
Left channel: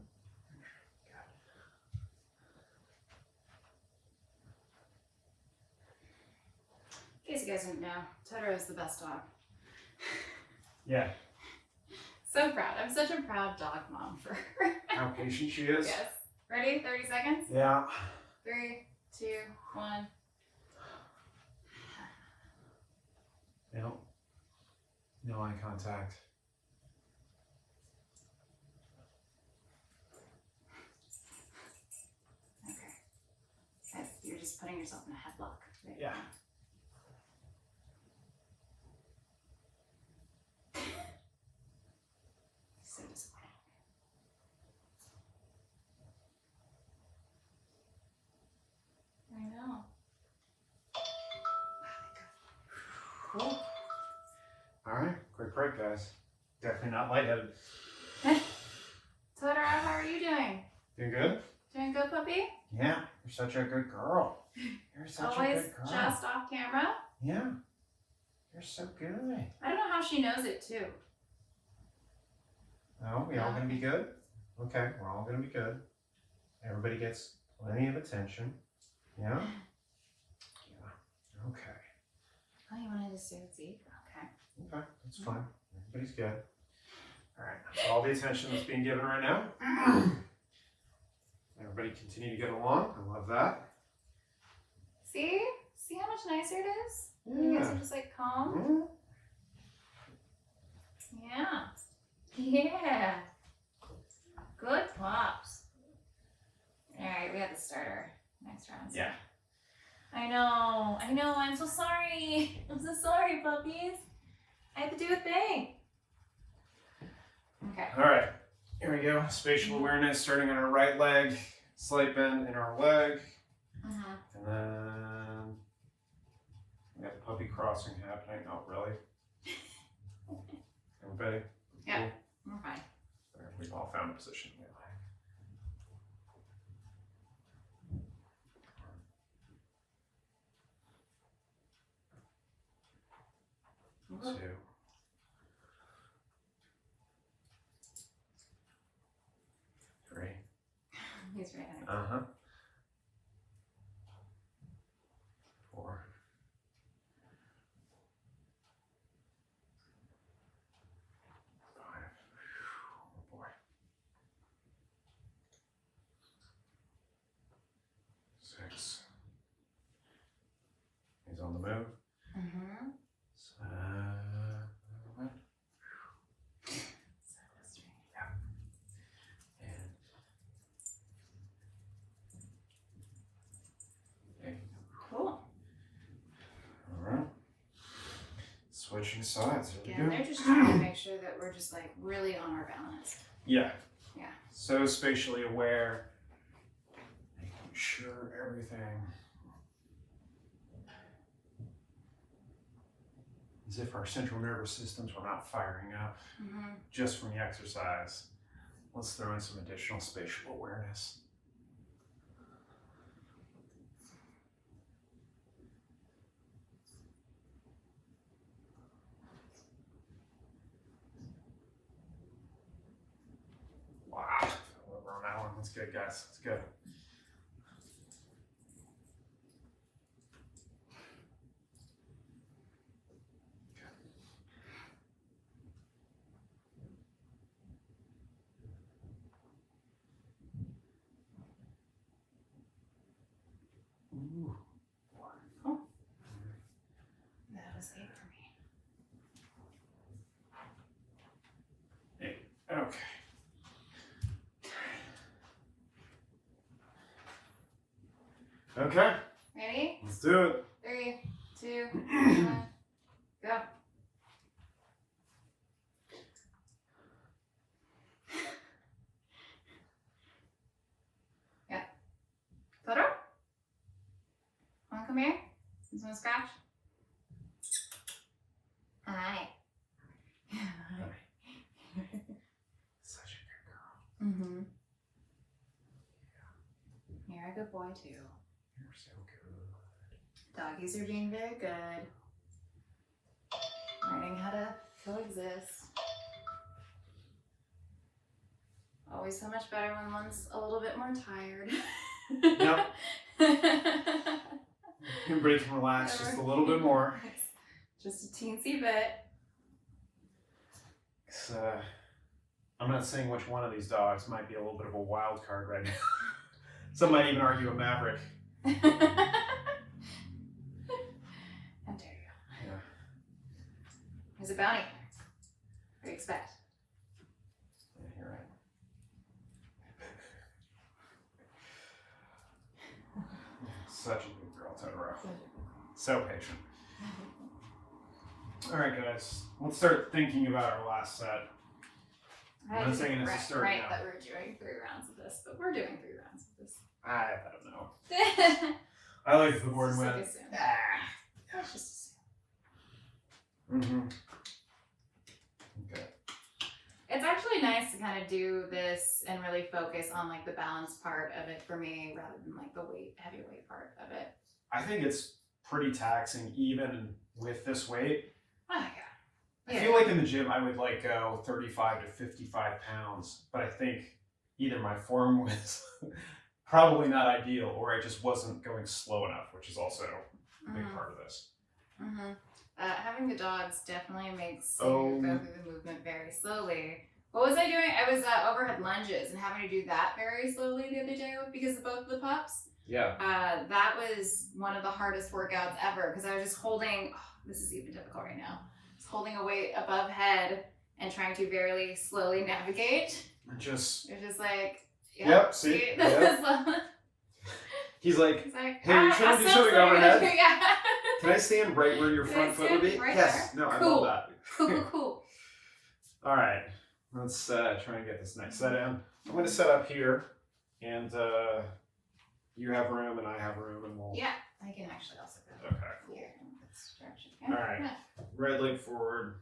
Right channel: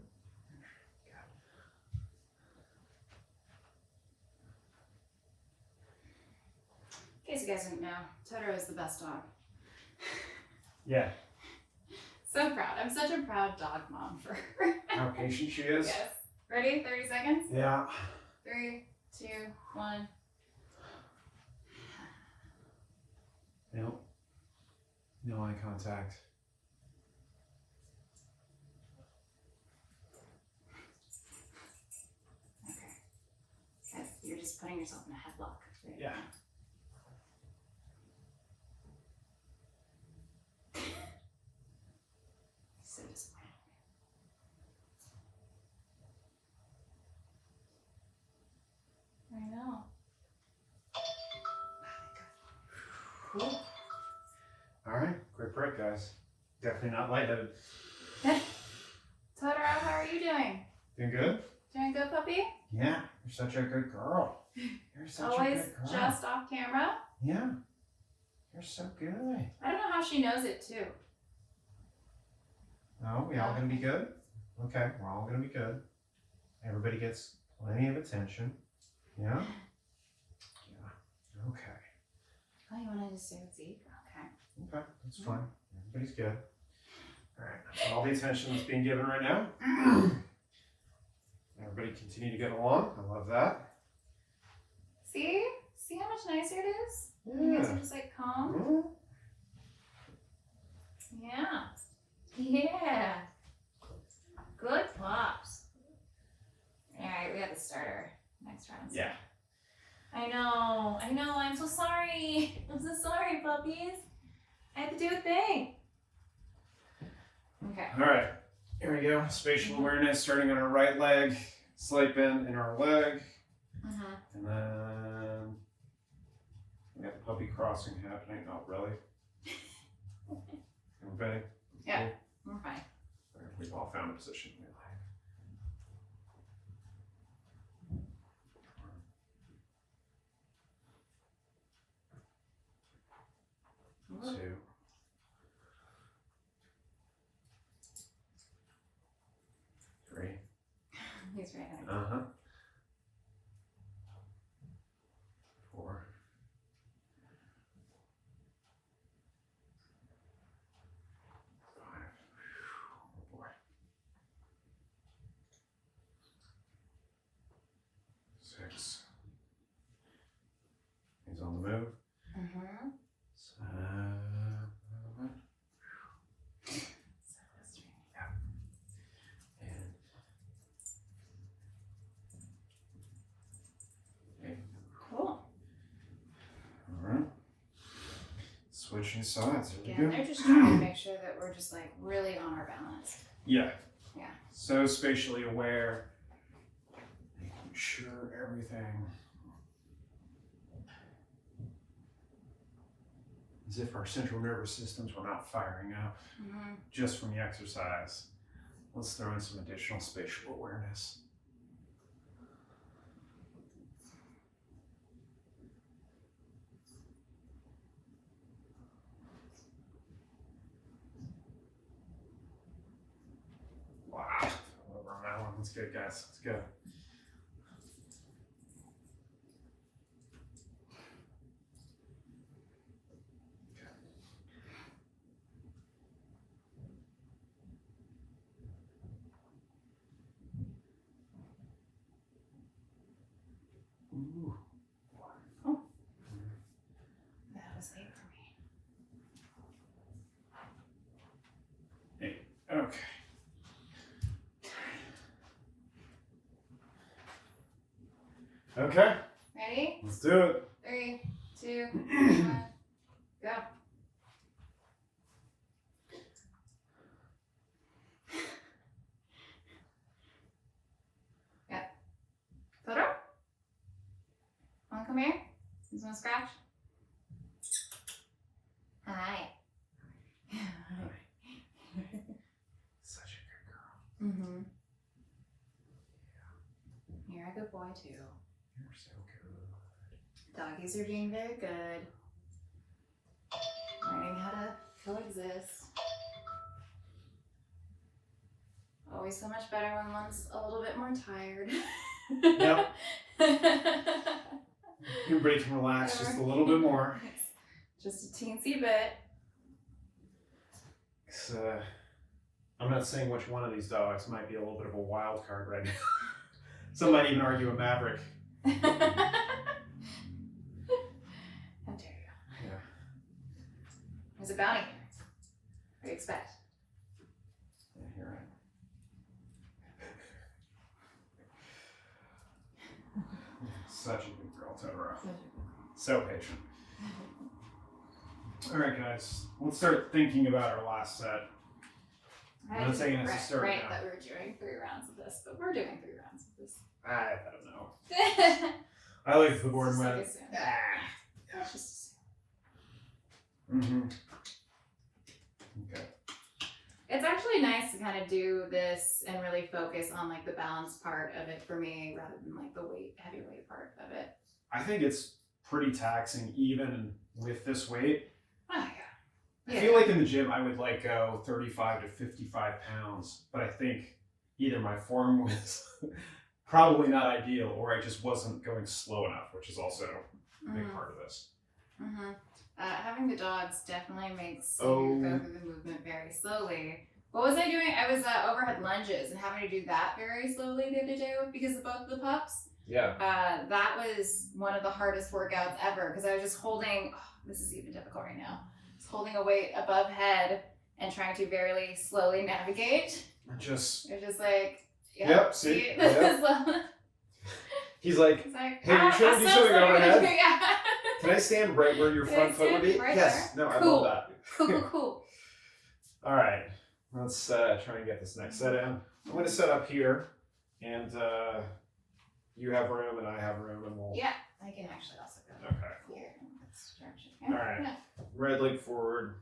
In case you guys didn't know, Totoro is the best dog. Yeah. So proud. I'm such a proud dog mom for her. How patient she is. Yes. Ready? 30 seconds? Yeah. 3, 2, 1. Nope. No eye contact. Okay. Good. You're just putting yourself in a headlock. There you Yeah. go. So disappointed. I know. Cool. All right. Quick break, guys. Definitely not lightheaded. Totoro, how are you doing? Doing good? Doing good, puppy? Yeah. You're such a good girl. You're such Always a good girl. just off camera? Yeah. You're so good. I don't know how she knows it too. Oh, we all gonna be good? Okay, we're all gonna be good. Everybody gets plenty of attention. Yeah? Yeah. Okay. Oh, you wanted to stay with Zeke? Okay. Okay, that's fine. Everybody's good. All right, that's all the attention that's being given right now. Everybody continue to get along. I love that. See? See how much nicer it is? You guys are just like calm? Yeah. Yeah. Good pops. Alright, we have to start our next round. Yeah. I know, I'm so sorry. I'm so sorry, puppies. I had to do a thing. Okay. All right, here we go. Spatial awareness starting on our right leg, slight bend in our leg, and then we got the puppy crossing happening. Oh, really? Everybody? Yeah. Cool? We're fine. All right, we've all found a position we like. 2. He's right there. 4. 5. Oh boy. 6. He's on the move. 7. Cool. Alright. Switching sides. Here Again, we they're go. just trying to make sure that we're just like really on our balance. Yeah. Yeah. So spatially aware. sure everything, as if our central nervous systems were not firing up just from the exercise. Let's throw in some additional spatial awareness. Wow, over on that one. That's good, guys. That's good. Ooh. Oh, that was 8 for me. 8. Okay. Okay. Ready? Let's do it. 3, 2, 1, go. Yeah. Totoro? Wanna come here? You wanna scratch? Hi. Such a good girl. Mm-hmm. You're a good boy too. You're so good. Doggies are doing very good. Learning how to coexist. Always so much better when one's a little bit more tired. Yep. Everybody can relax just a little bit more. Just a teensy bit. I'm not saying which one of these dogs might be a little bit of a wild card right now. Some might even argue a maverick. How dare you? Yeah. There's a bounty. What do you expect? Yeah, you're right. Such a good girl, Totoro. So patient. All right, guys. Let's start thinking about our last set. I'm not saying it's a start right now. that we're doing 3 rounds of this, but we're doing 3 rounds of this. I don't know. I like the board Just with. like assume. Let's just Mm-hmm. Okay. It's actually nice to kind of do this and really focus on like the balance part of it for me rather than like the heavy weight part of it. I think it's pretty taxing even with this weight. Oh yeah. I feel like in the gym I would like go 35 to 55 pounds, but I think either my form was probably not ideal or I just wasn't going slow enough, which is also a big part of this. Mm-hmm. Having the dogs definitely makes you go through the movement very slowly. What was I doing? I was overhead lunges and having to do that very slowly the other day because of both the pups. Yeah. That was one of the hardest workouts ever because I was just holding, this is even difficult right now, just holding a weight above head and trying to very slowly navigate. It's just like, yep, see? Yep. He's like, hey, you trying to do something overhead? Yeah. Can I stand right where your front foot would be? Right yes. there? No, I Cool. love that. Cool. All right. Let's try and get this next set in. I'm going to set up here, and you have room, and I have room, and we'll... Yeah, I can actually also go Okay. here and stretch it here. All right. Yeah. Red leg forward.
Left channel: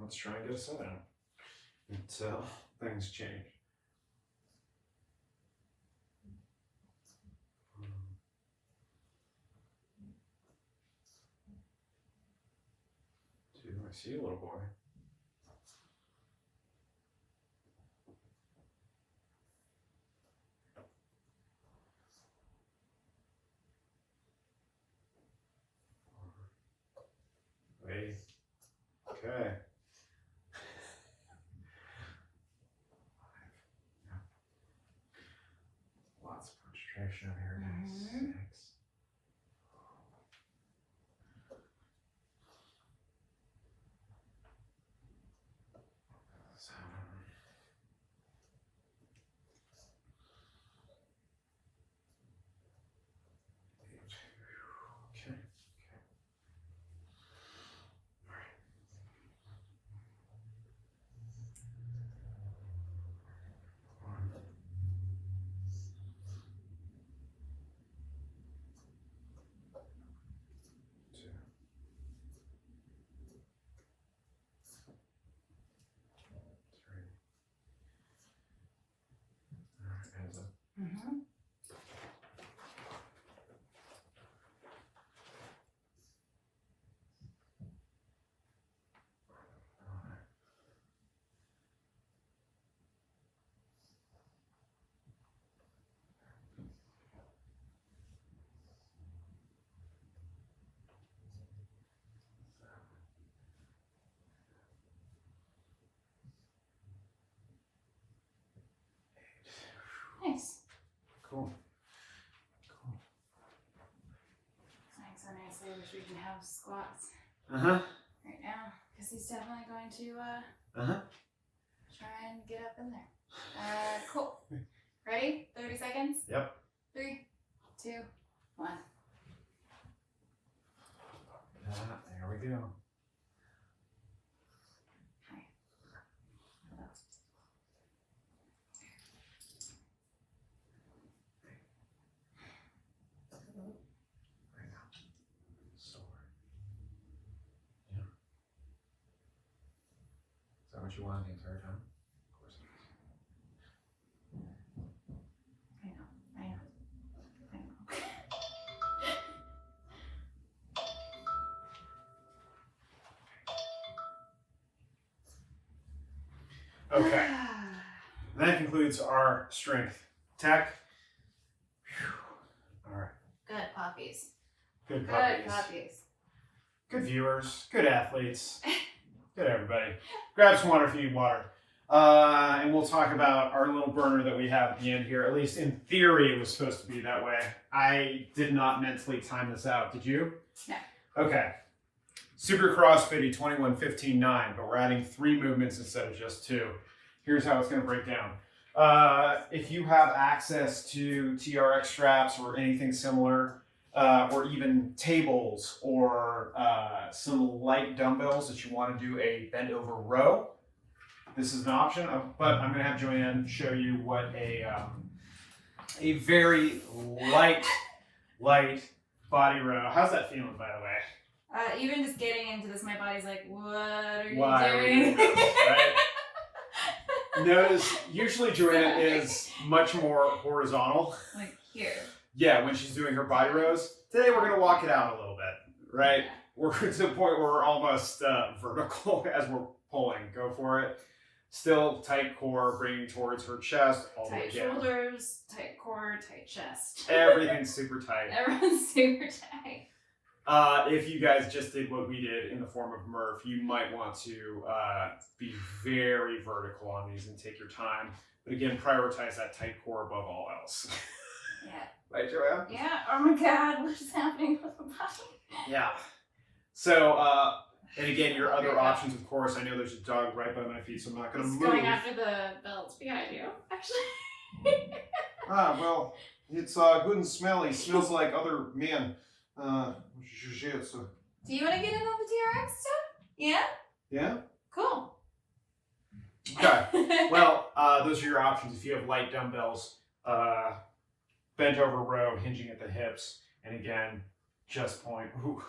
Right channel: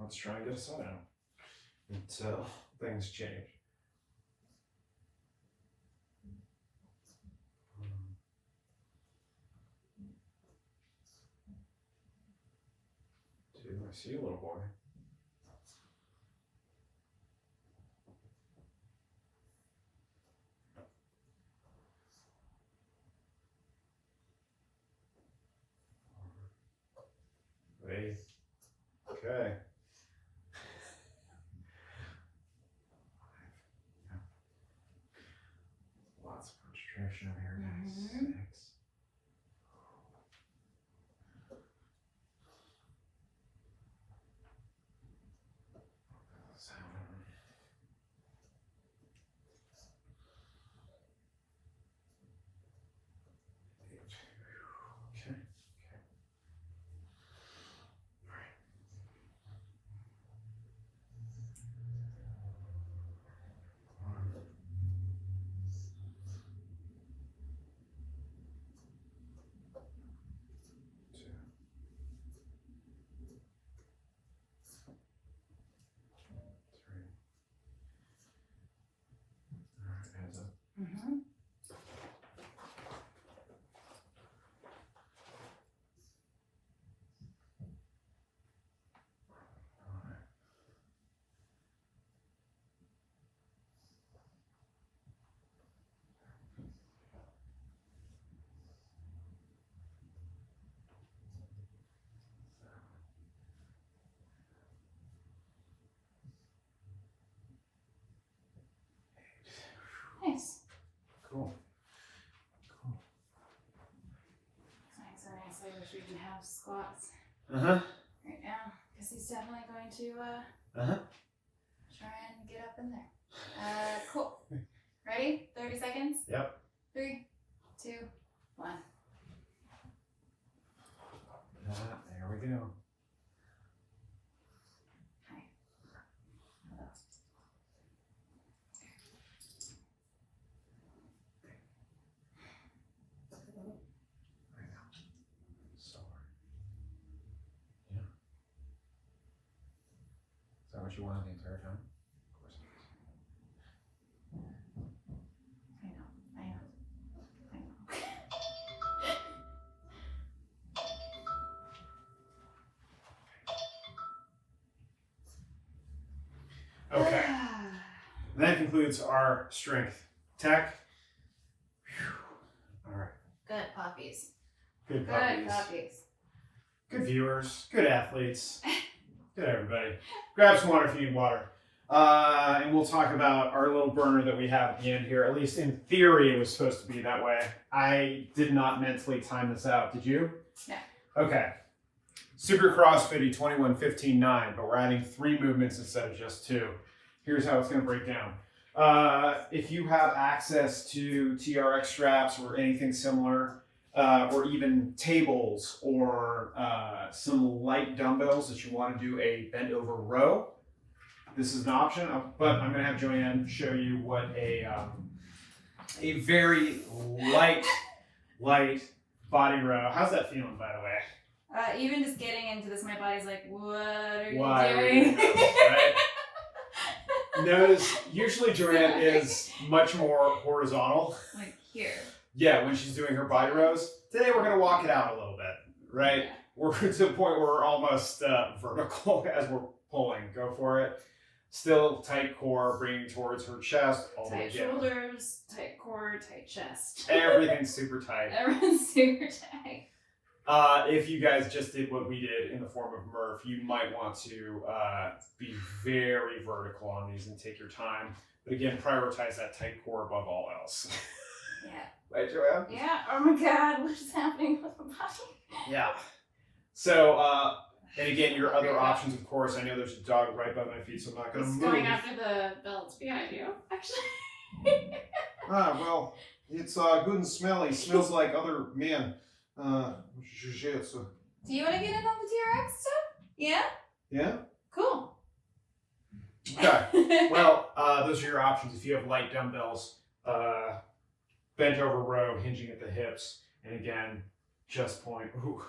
Let's try and get a set in until things change. I see you, little boy. Wait. Okay. Lots of concentration over here, guys. Mhm. 6. wish we could have squats Uh-huh. right now, because he's definitely going to try and get up in there. Cool. Ready? 30 seconds? Yep. 3, 2, 1. There we go. Hi. Hello. Sorry. Yeah. Is that what you wanted the entire time? Of course it is. I know. Okay. That concludes our strength tech. All right. Good puppies. Good Good puppies. puppies. Good viewers. Good athletes. Good everybody. Grab some water if you need water. And we'll talk about our little burner that we have at the end here. At least in theory, it was supposed to be that way. I did not mentally time this out. Did you? No. Okay. Super CrossFit 21, 15, 9, but we're adding 3 movements instead of just 2. Here's how it's going to break down. If you have access to TRX straps or anything similar, or even tables or some light dumbbells that you want to do a bent over row, this is an option. But I'm going to have JoAnn show you what a very light body row. How's that feeling, by the way? Even just getting into this, my body's like, what are Why you are doing? you doing this, right? Notice, usually JoAnn is much more horizontal. Like here. Yeah, when she's doing her body rows. Today we're going to walk it out a little bit, right? Yeah. We're to the point where we're almost vertical as we're pulling. Go for it. Still tight core, bringing towards her chest. All the way Tight down. shoulders, tight core, tight chest. Everything's super tight. Everyone's super tight. If you guys just did what we did in the form of Murph, you might want to be very vertical on these and take your time. But again, prioritize that tight core above all else. Yeah. Right, JoAnn? Yeah. Oh my God, what is happening with my body? Yeah. So, and again, your other options, of course, I know there's a dog right by my feet, so I'm not going to It's move. going after the belts behind you, actually. Well, it's good and smelly. Smells like other men. Do you want to get in on the TRX stuff? Yeah? Yeah? Cool. Okay. Well, those are your options. If you have light dumbbells, bent over row, hinging at the hips, and again, just pulling. Ooh.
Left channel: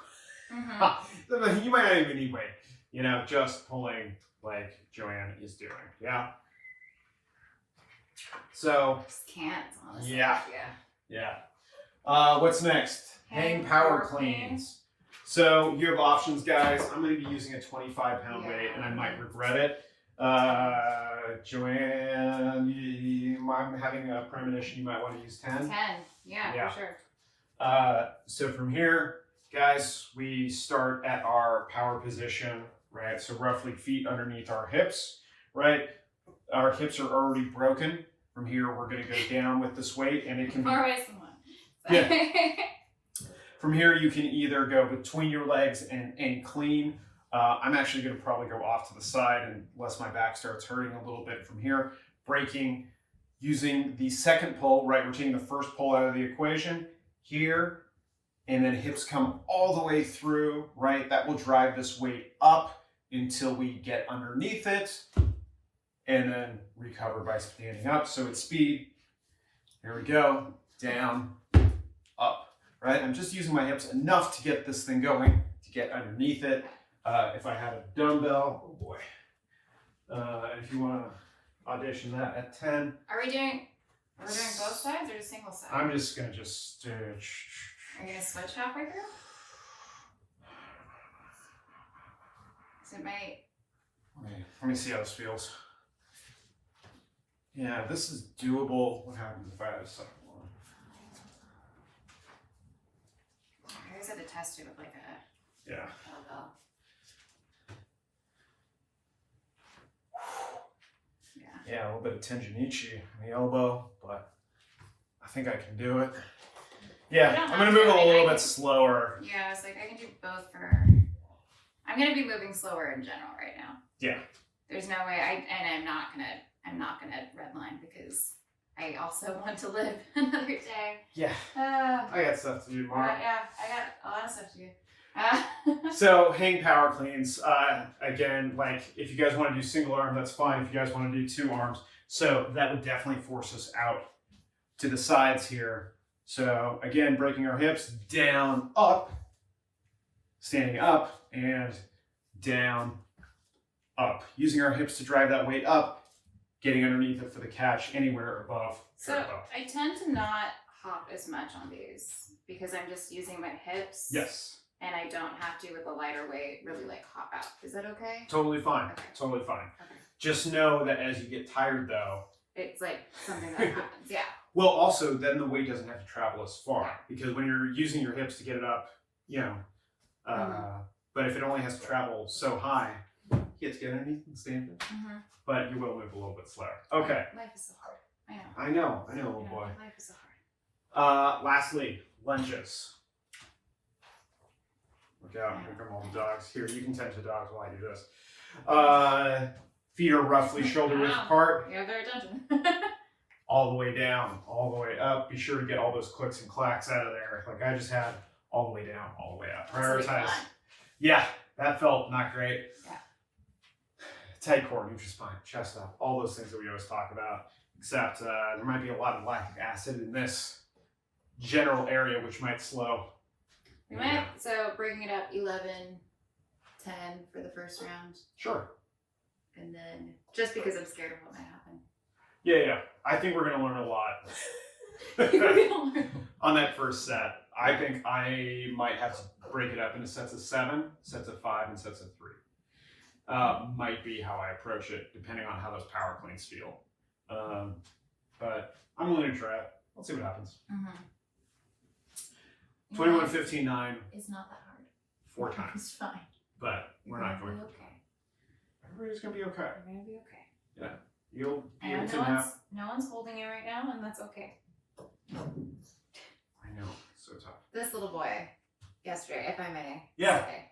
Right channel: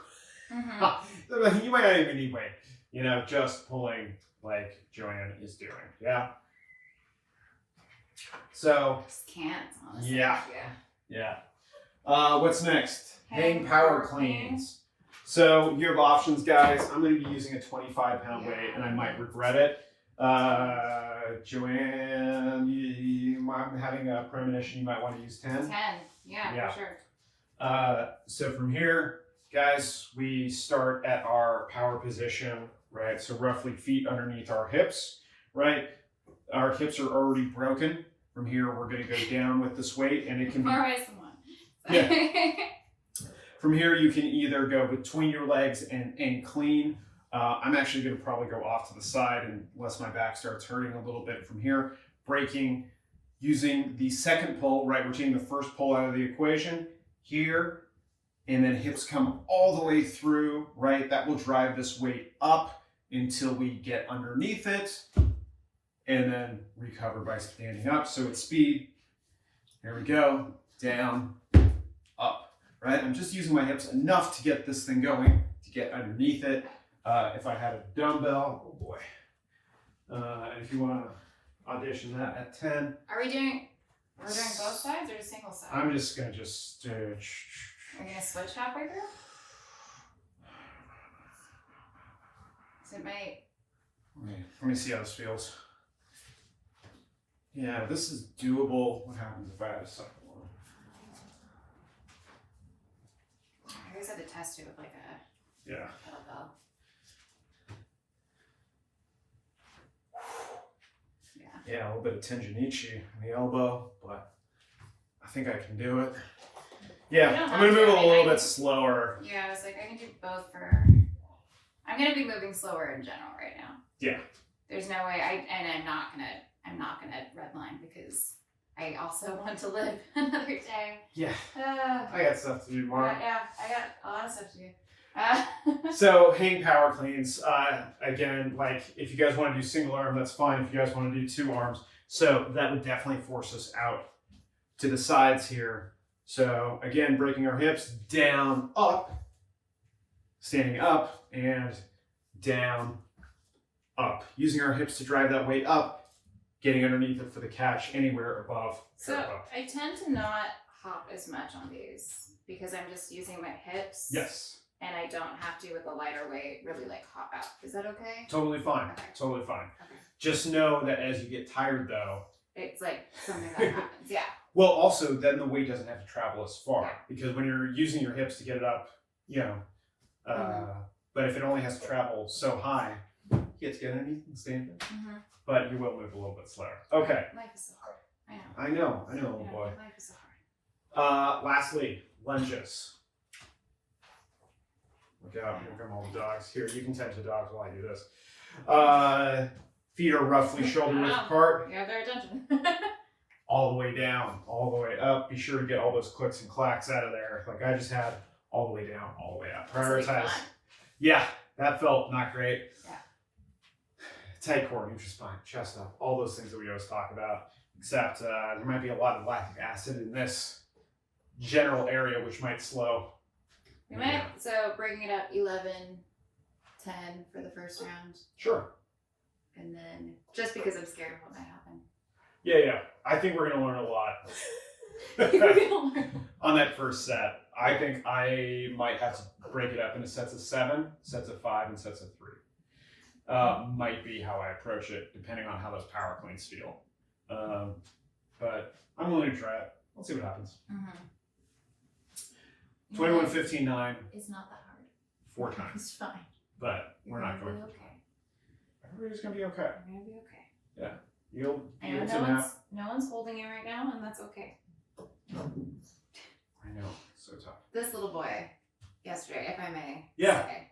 Mm-hmm. You might not even need weight. You know, just pulling like JoAnn is doing. Yeah? So, Just can't, honestly. yeah. Yeah. What's next? Hang power cleans. So you have options, guys. I'm going to be using a 25-pound weight, and I might regret it. JoAnn, I'm having a premonition you might want to use 10. 10. Yeah, for sure. So from here, guys, we start at our power position, right? So roughly feet underneath our hips, right? Our hips are already broken. From here, we're going to go down with this weight, and it can be... More ways than one. Yeah. From here, you can either go between your legs and clean. I'm actually going to probably go off to the side unless my back starts hurting a little bit. From here, breaking, using the second pull, right? We're taking the first pull out of the equation here, and then hips come all the way through, right? That will drive this weight up until we get underneath it, and then recover by standing up. So it's speed. Here we go. Down, up. Right, I'm just using my hips enough to get this thing going, to get underneath it. If I had a dumbbell, oh boy. If you want to audition that at 10. We're doing both sides or just single side? I'm just going to just... Are you going to switch halfway through? Is it my... Let me see how this feels. Yeah, this is doable. What happens if I have a second one? I always had to test it with like a Yeah. kettlebell. Yeah, a little bit of tendinichi in the elbow, but I think I can do it. Yeah, You don't I'm have gonna to. move I a mean, little I bit can- slower. Yeah, I was like, I can do both for. I'm gonna be moving slower in general right now. Yeah. There's no way I'm not gonna redline because I also want to live another day. Yeah. Uh, I got stuff to do tomorrow. yeah, I got a lot of stuff to do. So hang power cleans. Again, like if you guys want to do single arm, that's fine. If you guys want to do 2 arms, so that would definitely force us out to the sides here. So again, breaking our hips down, up, standing up, and down, up. Using our hips to drive that weight up, getting underneath it for the catch anywhere above. So I tend to not hop as much on these because I'm just using my hips. Yes. And I don't have to, with a lighter weight, really like hop out. Is that okay? Totally fine. Okay. Totally fine. Okay. Just know that as you get tired though, it's like something that happens. Yeah. well, also then the weight doesn't have to travel as far because when you're using your hips to get it up, you know, but if it only has to travel so high, you get to get underneath and stand there. But you will move a little bit slower. Okay. Life is so hard. I know. I know, little boy. Life is so hard. Lastly, lunges. Look out, here come all the dogs. Here, you can tend to dogs while I do this. Feet are roughly shoulder width apart. You have their attention. All the way down, all the way up. Be sure to get all those clicks and clacks out of there. Like I just had all the way down, all the way up. Prioritize. Yeah, that felt not great. Yeah. Tight core, neutral spine, chest up, all those things that we always talk about. Except there might be a lot of lactic acid in this general area, which might slow. We might, so breaking it up 11, 10 for the first round. Sure. And then, just because I'm scared of what might happen. Yeah. I think we're going to learn a lot on that first set. I think I might have to break it up into sets of 7, sets of 5, and sets of 3. Might be how I approach it, depending on how those power cleans feel. But I'm willing to try it. Let's see what happens. 21, 15, 9. It's not that hard. 4 times. It's fine. But we're not going to. Okay. Everybody's going to be okay. We're going to be okay. Yeah. You'll be able to no one's holding you right now, and that's okay. I know. So tough. This little boy, yesterday, if I may say,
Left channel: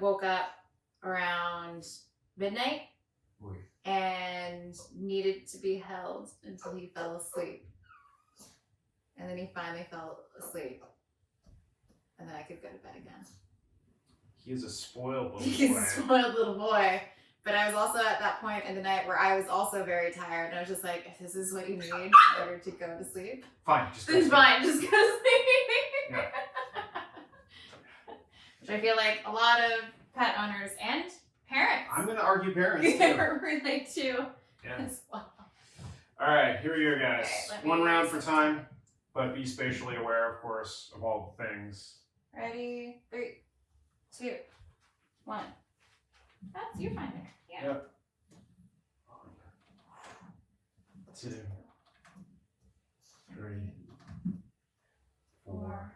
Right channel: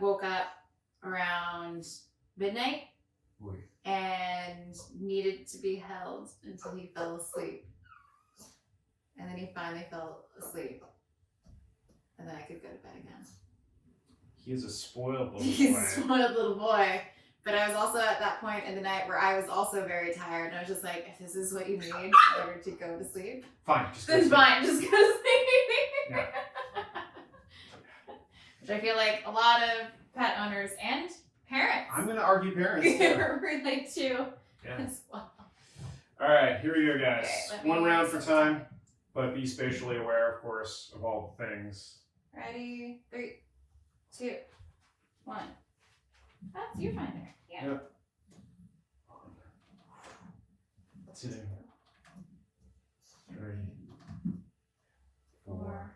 woke up around midnight Oy. and needed to be held until he fell asleep. And then he finally fell asleep. And then I could go to bed again. He's a spoiled little boy. He's a spoiled little boy. But I was also at that point in the night where I was also very tired. And I was just like, if this is what you need in order to go to sleep, fine. Just then fine, just go to sleep. Yeah. Which I feel like a lot of pet owners and parents I'm going to argue parents too. relate to as well. All right, here we go, guys. Okay, One round for time, but be spatially aware, of course, of all the things. Ready? 3, 2, 1. That's you find it. Yeah. Yep. 2, 3, 4,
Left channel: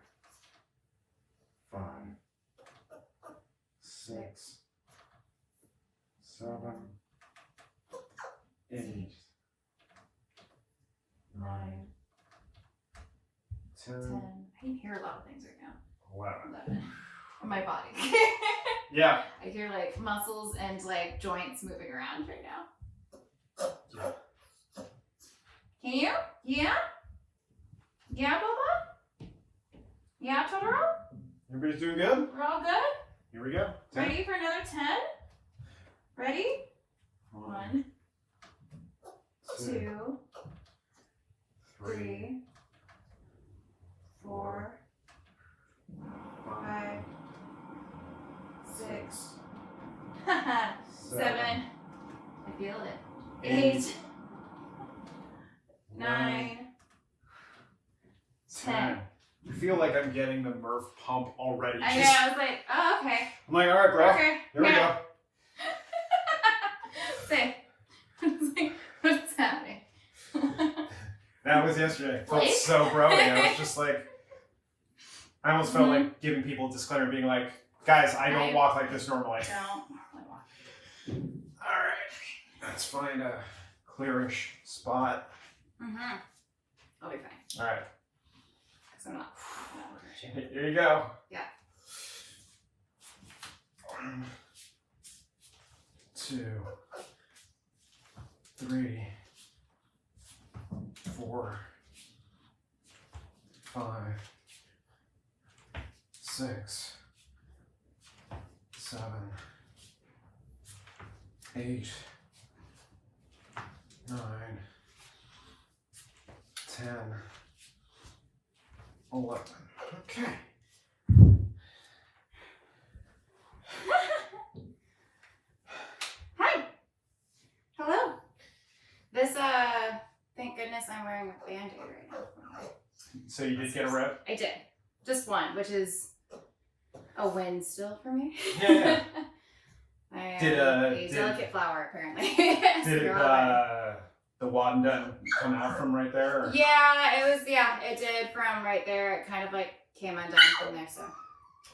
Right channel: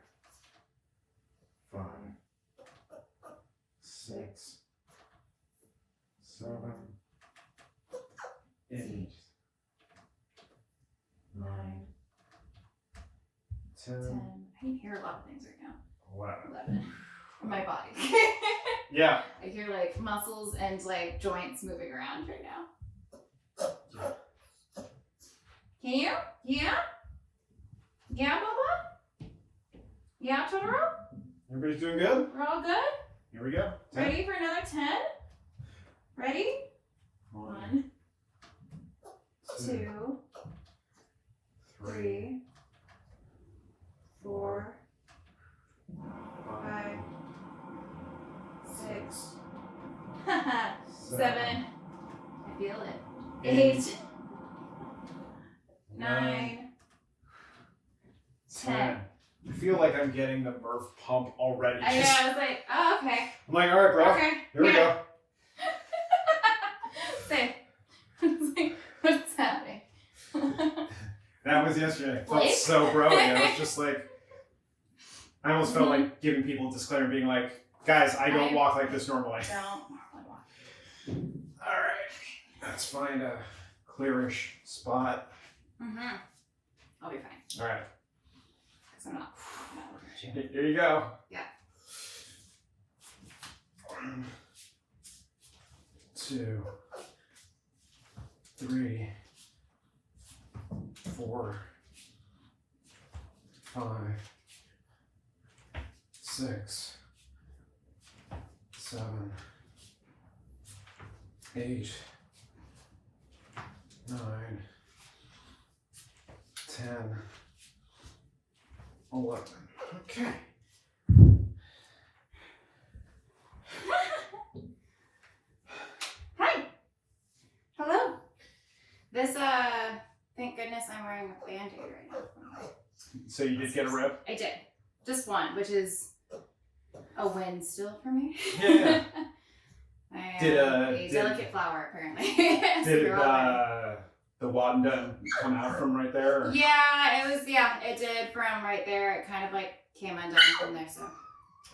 5, 6, 7, 8, 9, 10, 10. I can hear a lot of things right now. 11. In my body. Yeah. I hear like muscles and like joints moving around right now. Can you? Yeah? Yeah, Boba? Yeah, Totoro? Everybody's doing good? We're all good? Here we go. 10. Ready for another 10? Ready? 1, 2, 3, 4, 5, 6, 7. I feel it. 8, 9, 10. You feel like I'm getting the Murph pump already. I know, I was like, oh, okay. I'm like, all right, bro. Okay. Here we go. Same. I was like, what's happening? That was yesterday. I felt Blake? so bro. I was just like, I almost felt like giving people a disclaimer, being like, guys, I don't walk like this normally. Don't normally walk. All right. Let's find a clearish spot. I'll be fine. All right. because I'm not looking at you. Here you go. Yeah. 1, 2, 3, 4, 5, 6, 7, 8, 9, 10, 11. Okay. Hi. Hello. This, thank goodness I'm wearing a Band-Aid right now. So you did get a rep? I did. Just one, which is a win still for me. Yeah. I am Did, a delicate flower, apparently. Did the Wadden come out from right there? Or? Yeah, it did from right there. It kind of like came undone from there, so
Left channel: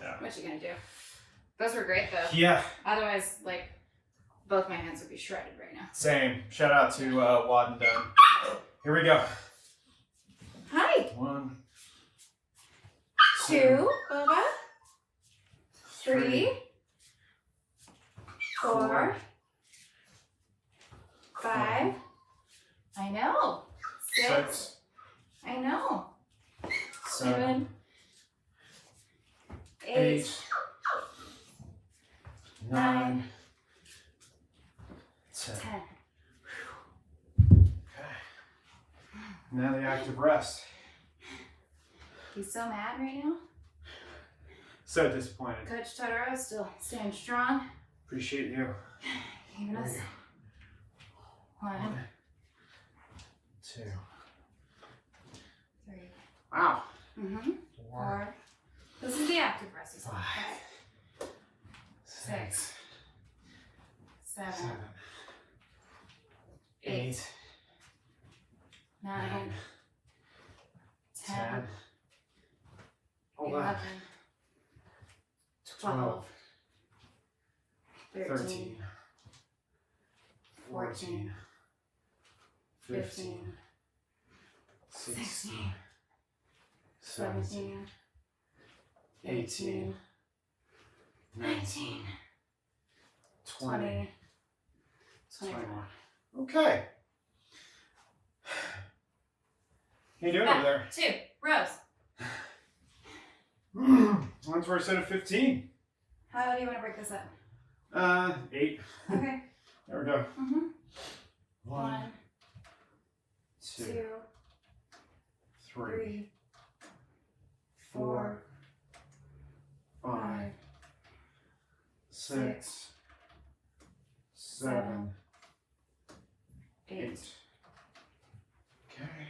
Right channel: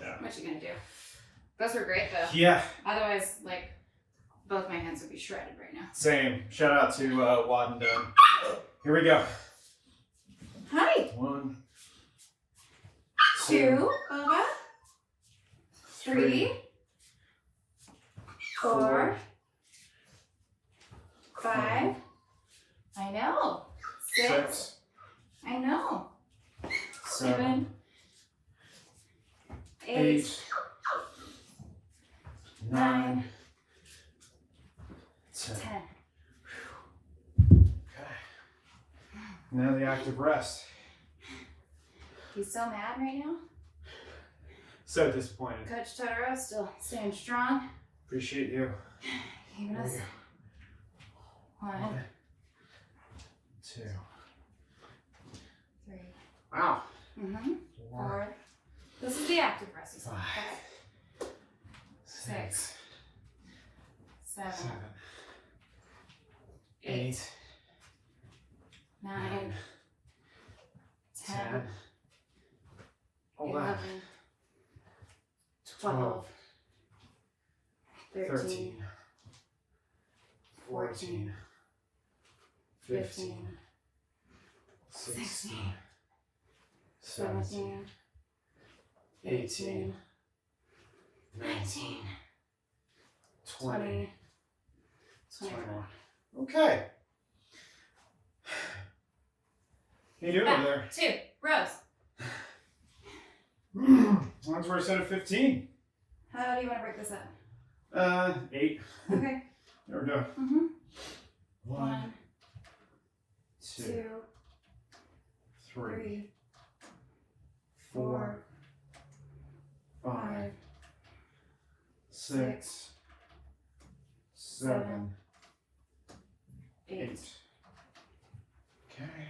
Yeah. what you gonna do? Those were great though. Yeah. Otherwise, like, both my hands would be shredded right now. Same. Shout out to Wadden. Here we go. Hi. 1, 2, Cobra. 3, 4, 5. I know. 6. I know. 7, 8, 9, 10. 10. Okay. Now the active rest. He's so mad right now. So disappointed. Coach Totoro still staying strong. Appreciate you. Giving us 1, 2. 3. Wow. 4. This is the active rest. 5, 6, 7, 7, 8, 8, 9, 10, 11, 11, 12, 13, 13, 14, 15, 16, 17, 18, 19, 20, 21. Okay. How you doing over there? 2 rows. Mine's where I set at 15. How do you want to break this up? 8. Okay. There we go. 1, 2, 2, 3, 3, 4, 5, 6, 7, 8. 8. Okay.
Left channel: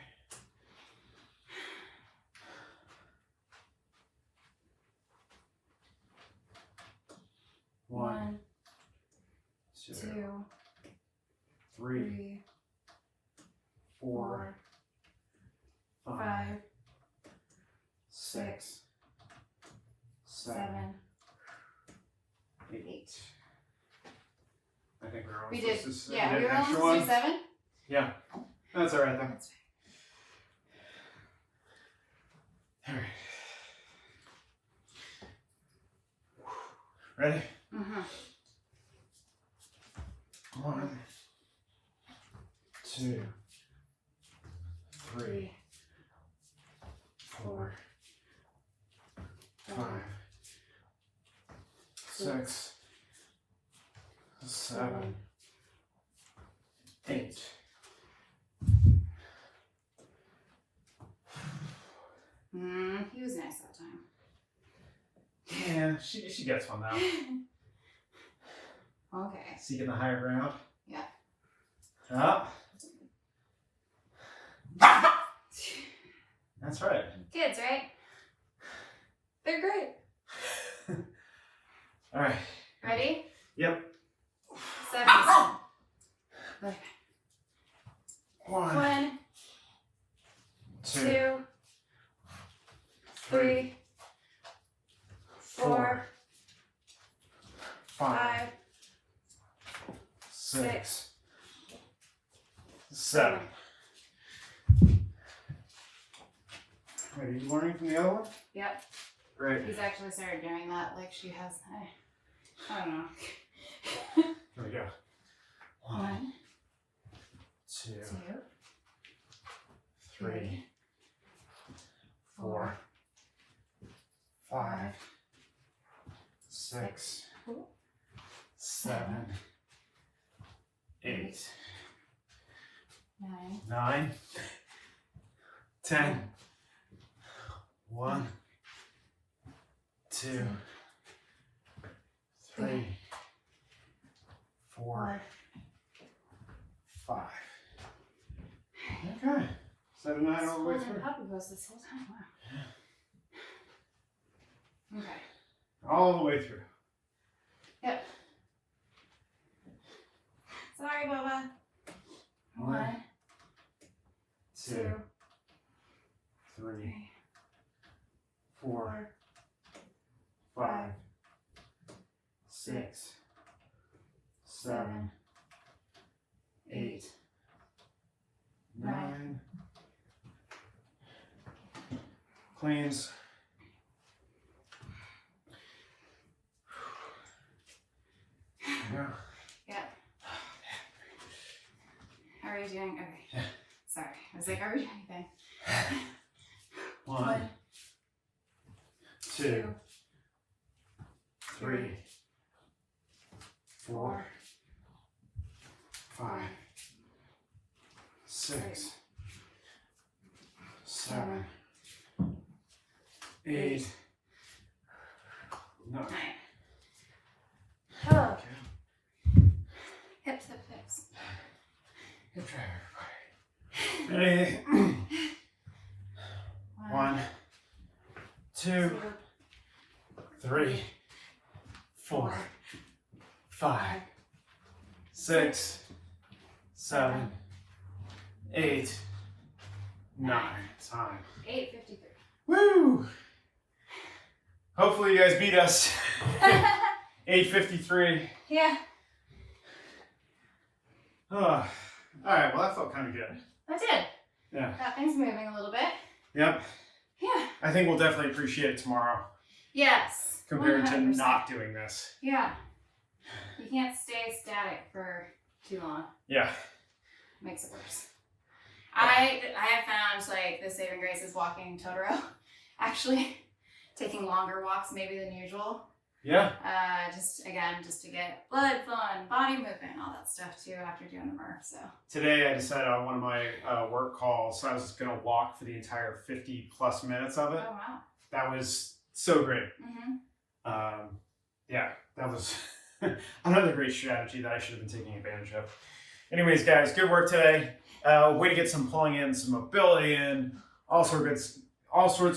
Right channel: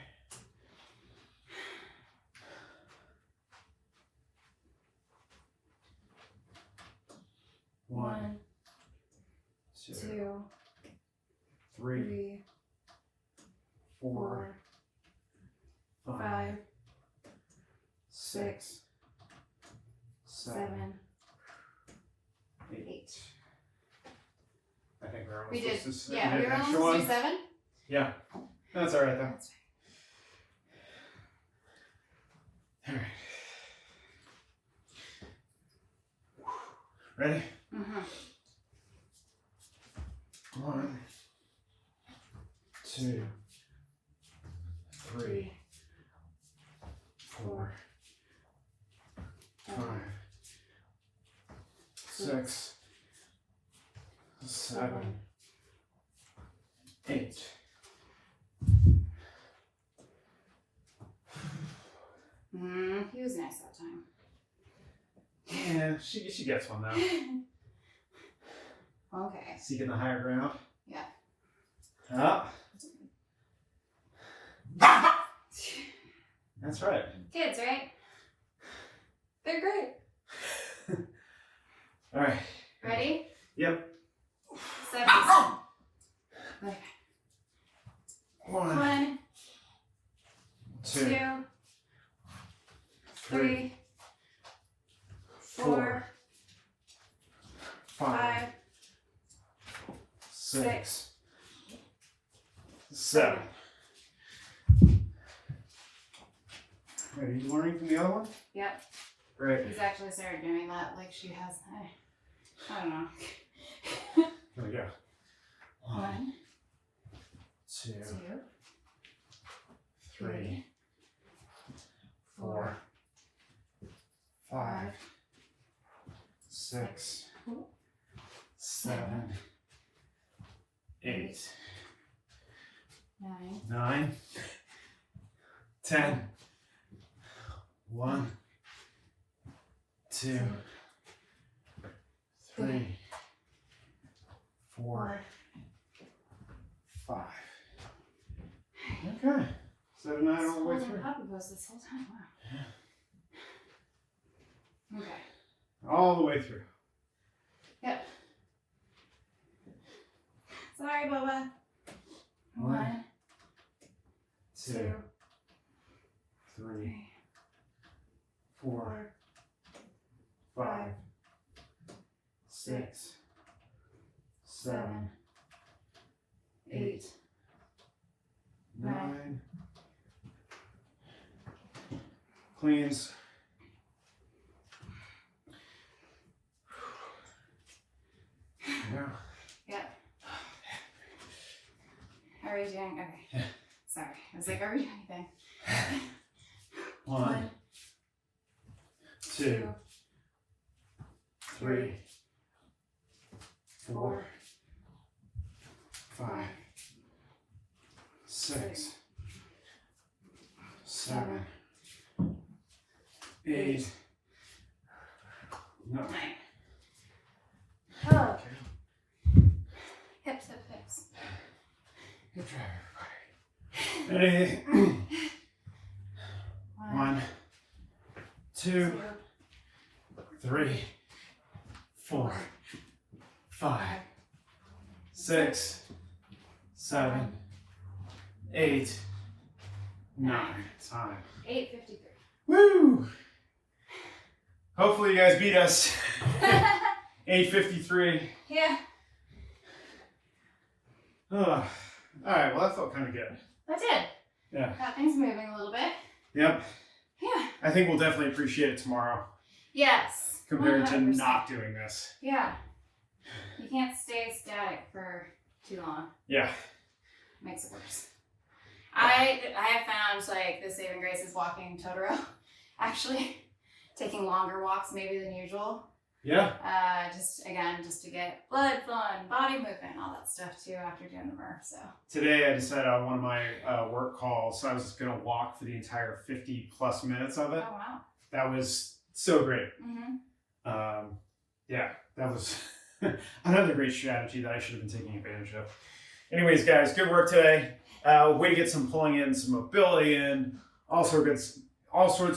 One, 2, 3, 3, 4, 4, 5, 5, 6, 7, 8. I think we're We almost did. supposed to Yeah, we do were an extra almost to one. 7. Yeah, that's all right though. That's All right. Ready? fine. 1, 2, 3, 4, 5, 6, 7, 8. He was nice that time. Yeah, she gets one now. Okay. Seeking the higher ground. Yeah. Up. That's right. Kids, right? They're great. All right. Ready? Yep. 7. Okay. 1, 1, 2, 2, 3, 4, 5, 6, 7, Wait, are you learning from the other one? Yep. Great. He's actually started doing that like she has. I don't know. There we go. 1, 2, 2, 3, 4, 5, 6, 7, 8, 9, 9, 10, 1, 2, 3, 4, 5. Okay. 7, 9 all the way through. Puppy pose this whole time. Wow. Okay. All the way through. Yep. Sorry, Boba. 1, 2, 3, 4, 5, 6, 7, 8, 9. Cleans. Yeah. Yep. How are you doing? Okay. Sorry. I was like, are we doing anything? 1, 2, 3, 4, 5, 6, 7, 8, 9. Oh. Okay. Hips, hips, hips. Good try, everybody. Ready? 1, 2, 3, 4, 5, 6, 7, 8, 9. Time. 8:53. Woo! Hopefully you guys beat us. 8:53. Yeah, Oh, all right, well that felt kind of good. I did. Yeah. Got things moving a little bit. Yep. Yeah. I think we'll definitely appreciate it tomorrow Yes. compared to 100%. not doing this. Yeah. You can't stay static for too long. Yeah. Makes it worse. I have found like the saving grace is walking Totoro. Actually, taking longer walks maybe than usual. Yeah. Just to get blood flowing, body movement, all that stuff too after doing the Murph. So Today I decided on one of my work calls, I was just gonna walk for the entire 50 plus minutes of it. oh wow. That was so great. Mm-hmm. Yeah, that was another great strategy that I should have been taking advantage of. Anyways, guys, good work today. Way to get some pulling in, some mobility in, all sorts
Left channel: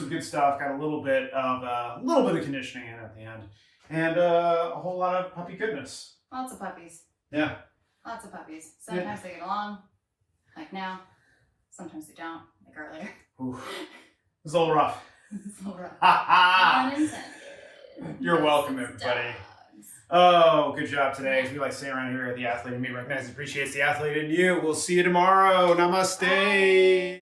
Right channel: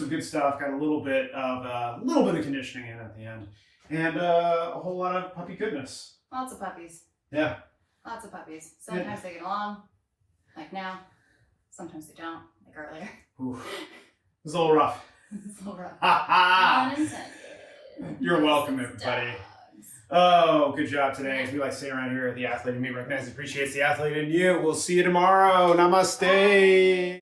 of good stuff. Got a little bit of conditioning in at the end, and a whole lot of puppy goodness. Lots of puppies. Yeah. Lots of puppies. Sometimes they get along, like now. Sometimes they don't, like earlier. Ooh. It was a little rough. It's a little rough. Ha ha! Unintended. You're welcome, everybody. Oh, good job today. As we like to say around here, the athlete in me recognizes and appreciates the athlete in you. We'll see you tomorrow. Namaste. Bye.